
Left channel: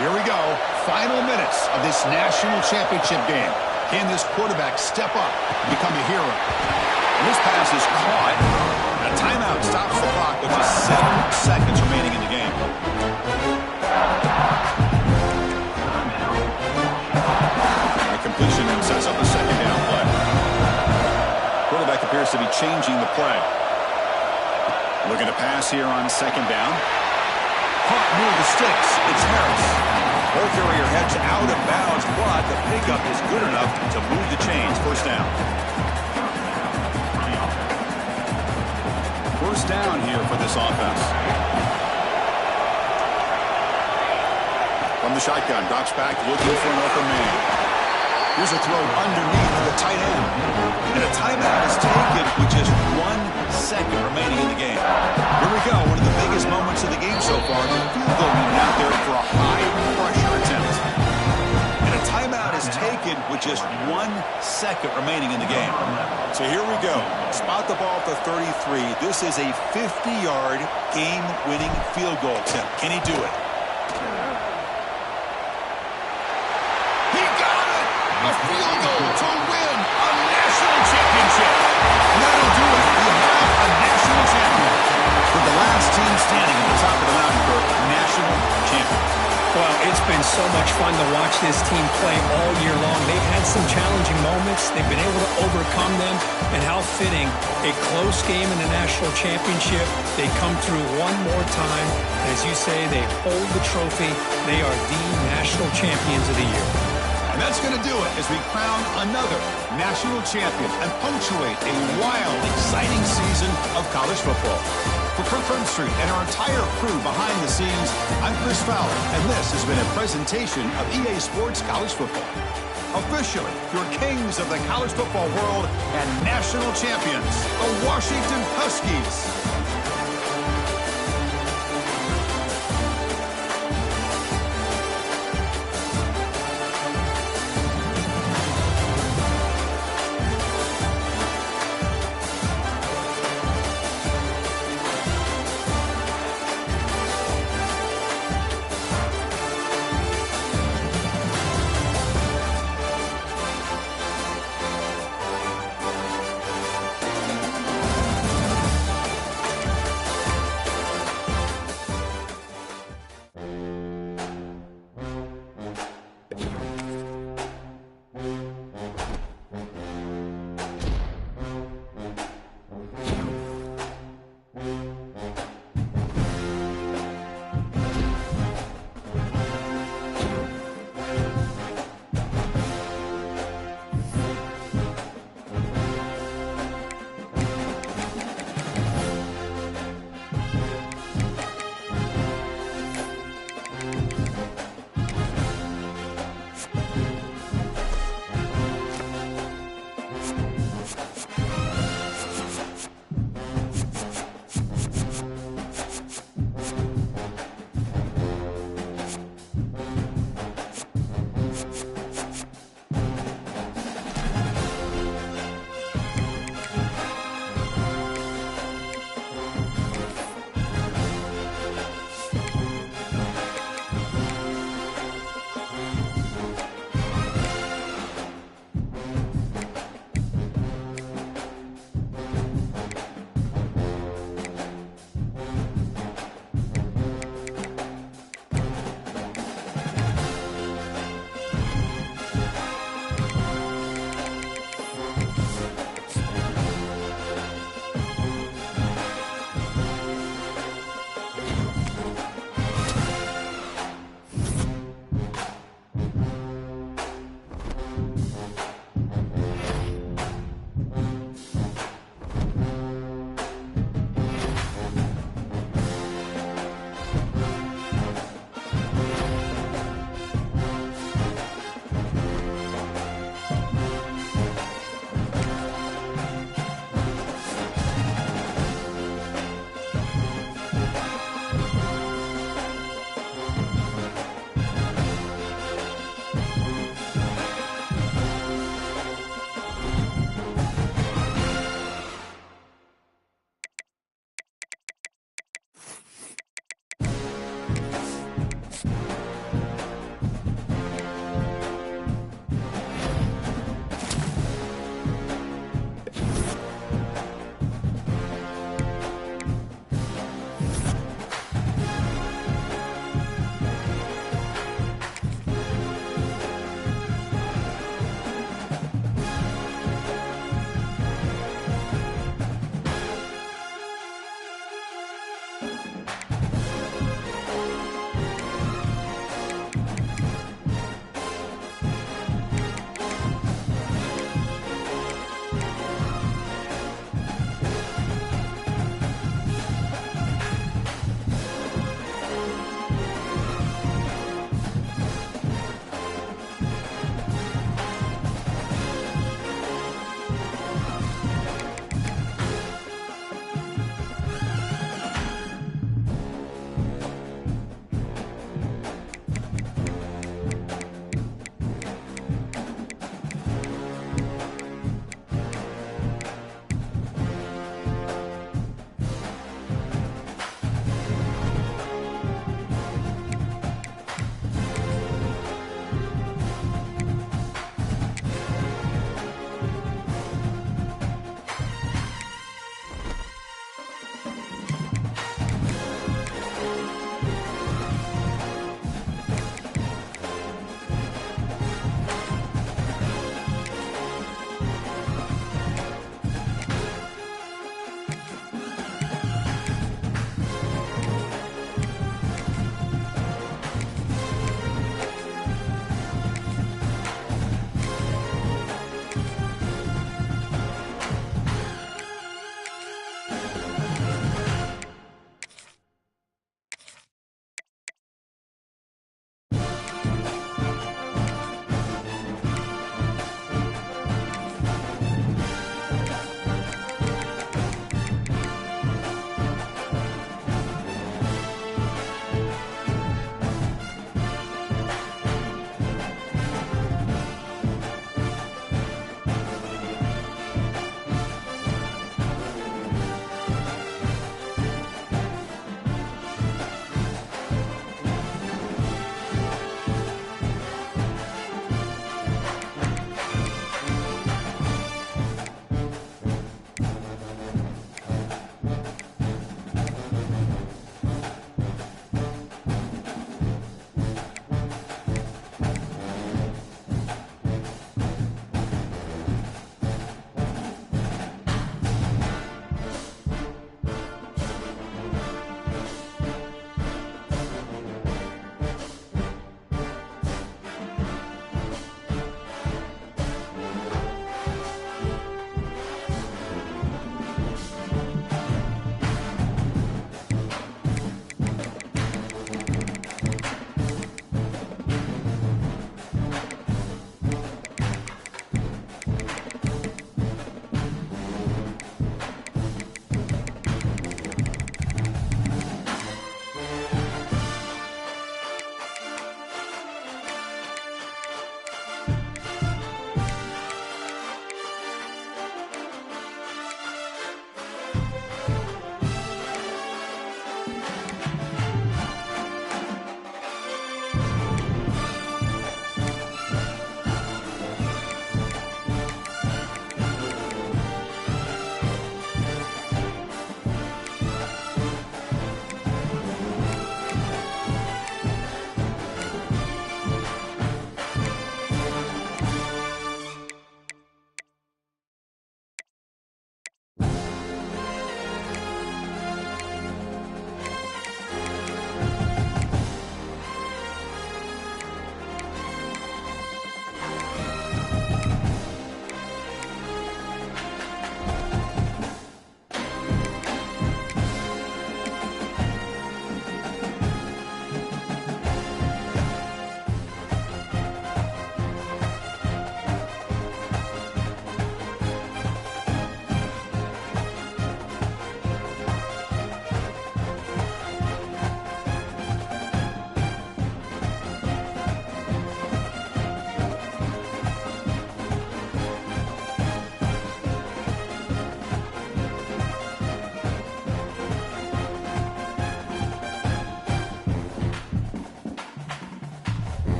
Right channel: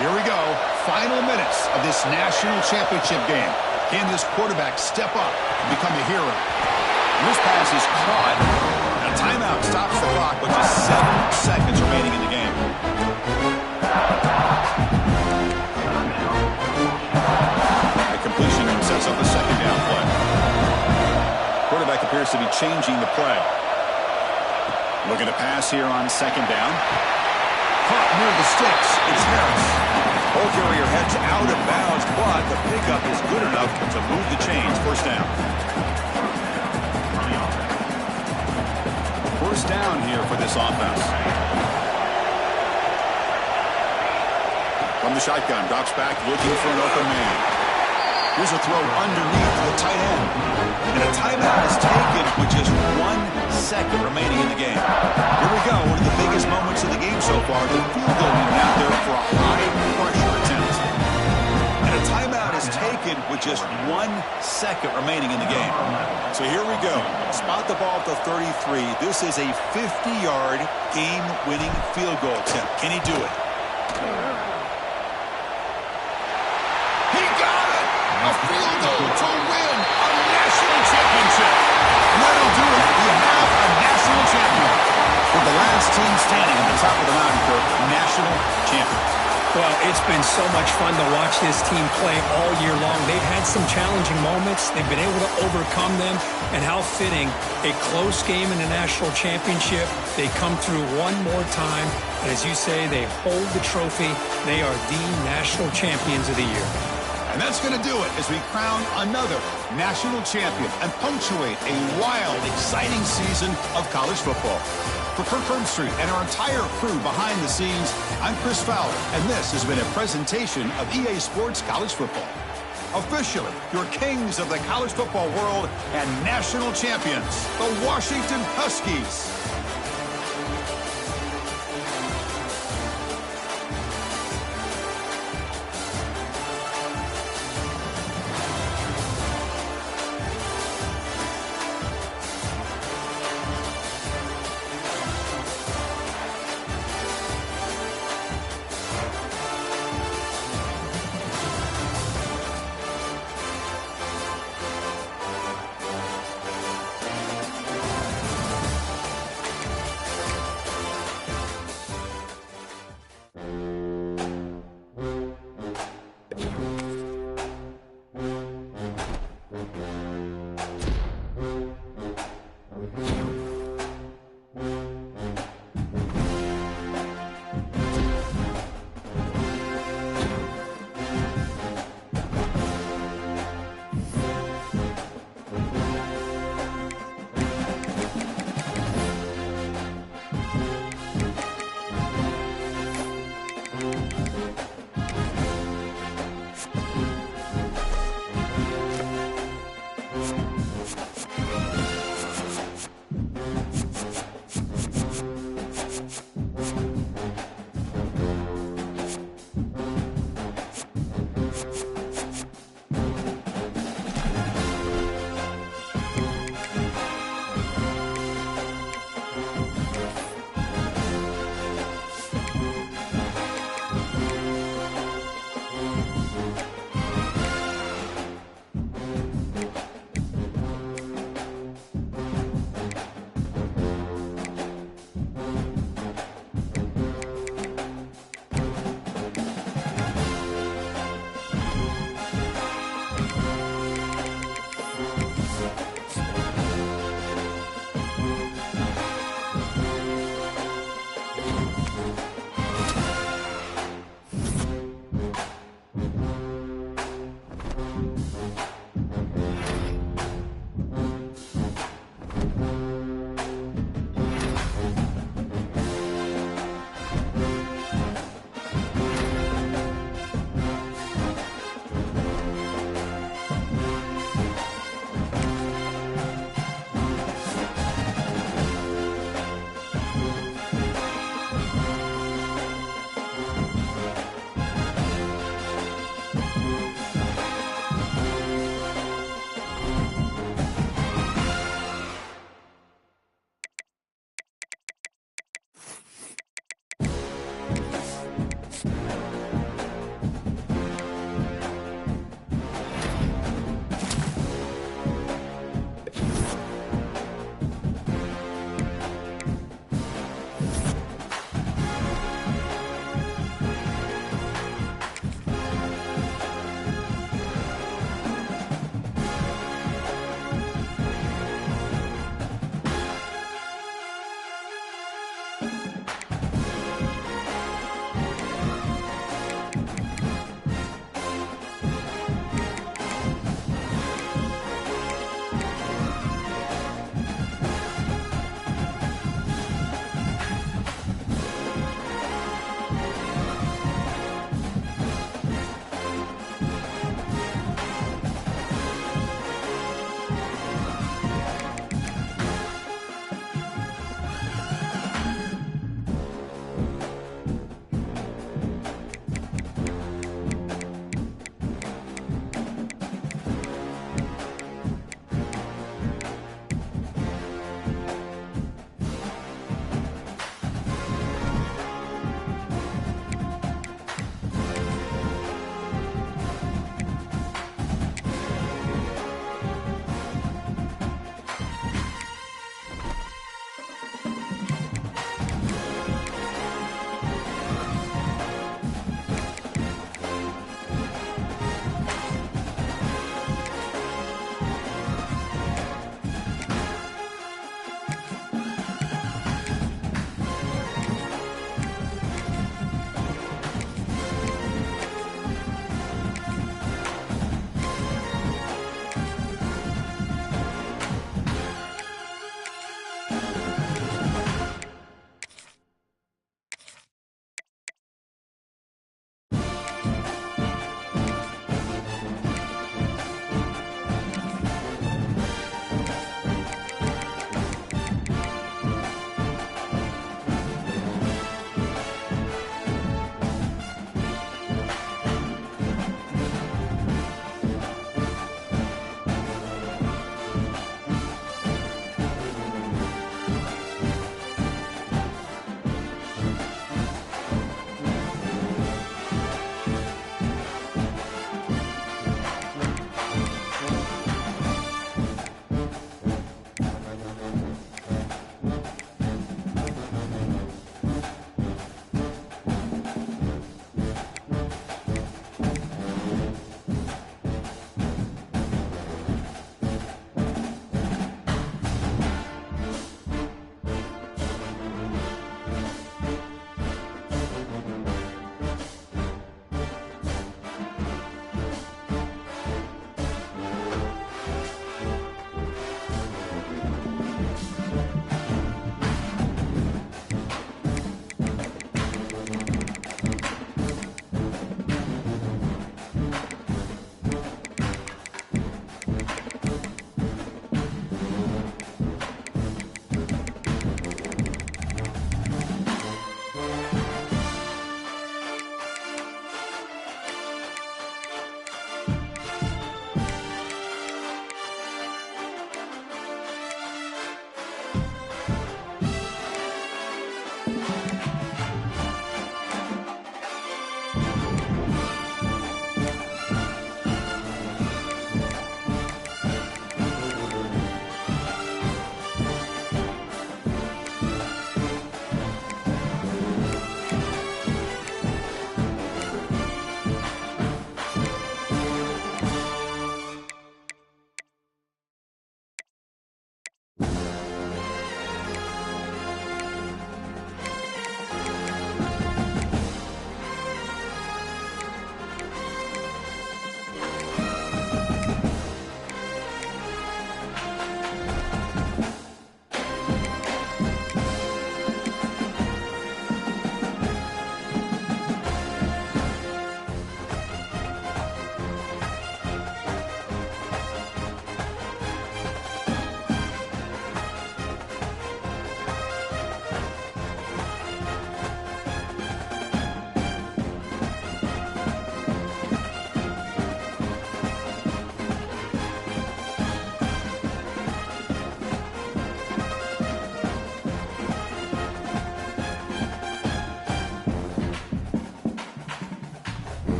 Here we go. Final minutes of this national championship game. Can this quarterback step up and become a hero? And this pass is caught. A timeout stops the clock with just 7 seconds remaining in the game. A completion and sets up a 2nd down play. Quarterback appears to be changing the play. Looking to pass here on 2nd down. Caught near the sticks. It's Harris. Ball carrier heads out of bounds, but the pickup is good enough to move the chains. First down. First down here for this offense. From the shotgun, drops back, looking for an open man. Here's a throw underneath the tight end. And a timeout is taken with just 1 second remaining in the game. Here we go, one of the biggest moments of the game so far. The field goal unit out there for a high-pressure attempt. And a timeout is taken with just 1 second remaining in the game. So here we go. Spot the ball at the 33. This is a 50-yard game-winning field goal attempt. Can he do it? A field goal to win a national championship. And that'll do it. We have a national champion. With the last team standing at the top of the mountain for national champions. Well, it's been so much fun to watch this team play all year long. They've had some challenging moments. They've been able to overcome them. And how fitting, a close game in the national championship. They come through one more time. And as you say, they hold the trophy. They are the national champions of the year. And that's going to do it as we crown another national champion and punctuate a wild, exciting season of college football. For Kirk Herbstreit and our entire crew behind the scenes, I'm Chris Fowler, and this has been a presentation of EA Sports College Football. Officially, your kings of the college football world and national champions, the Washington Huskies.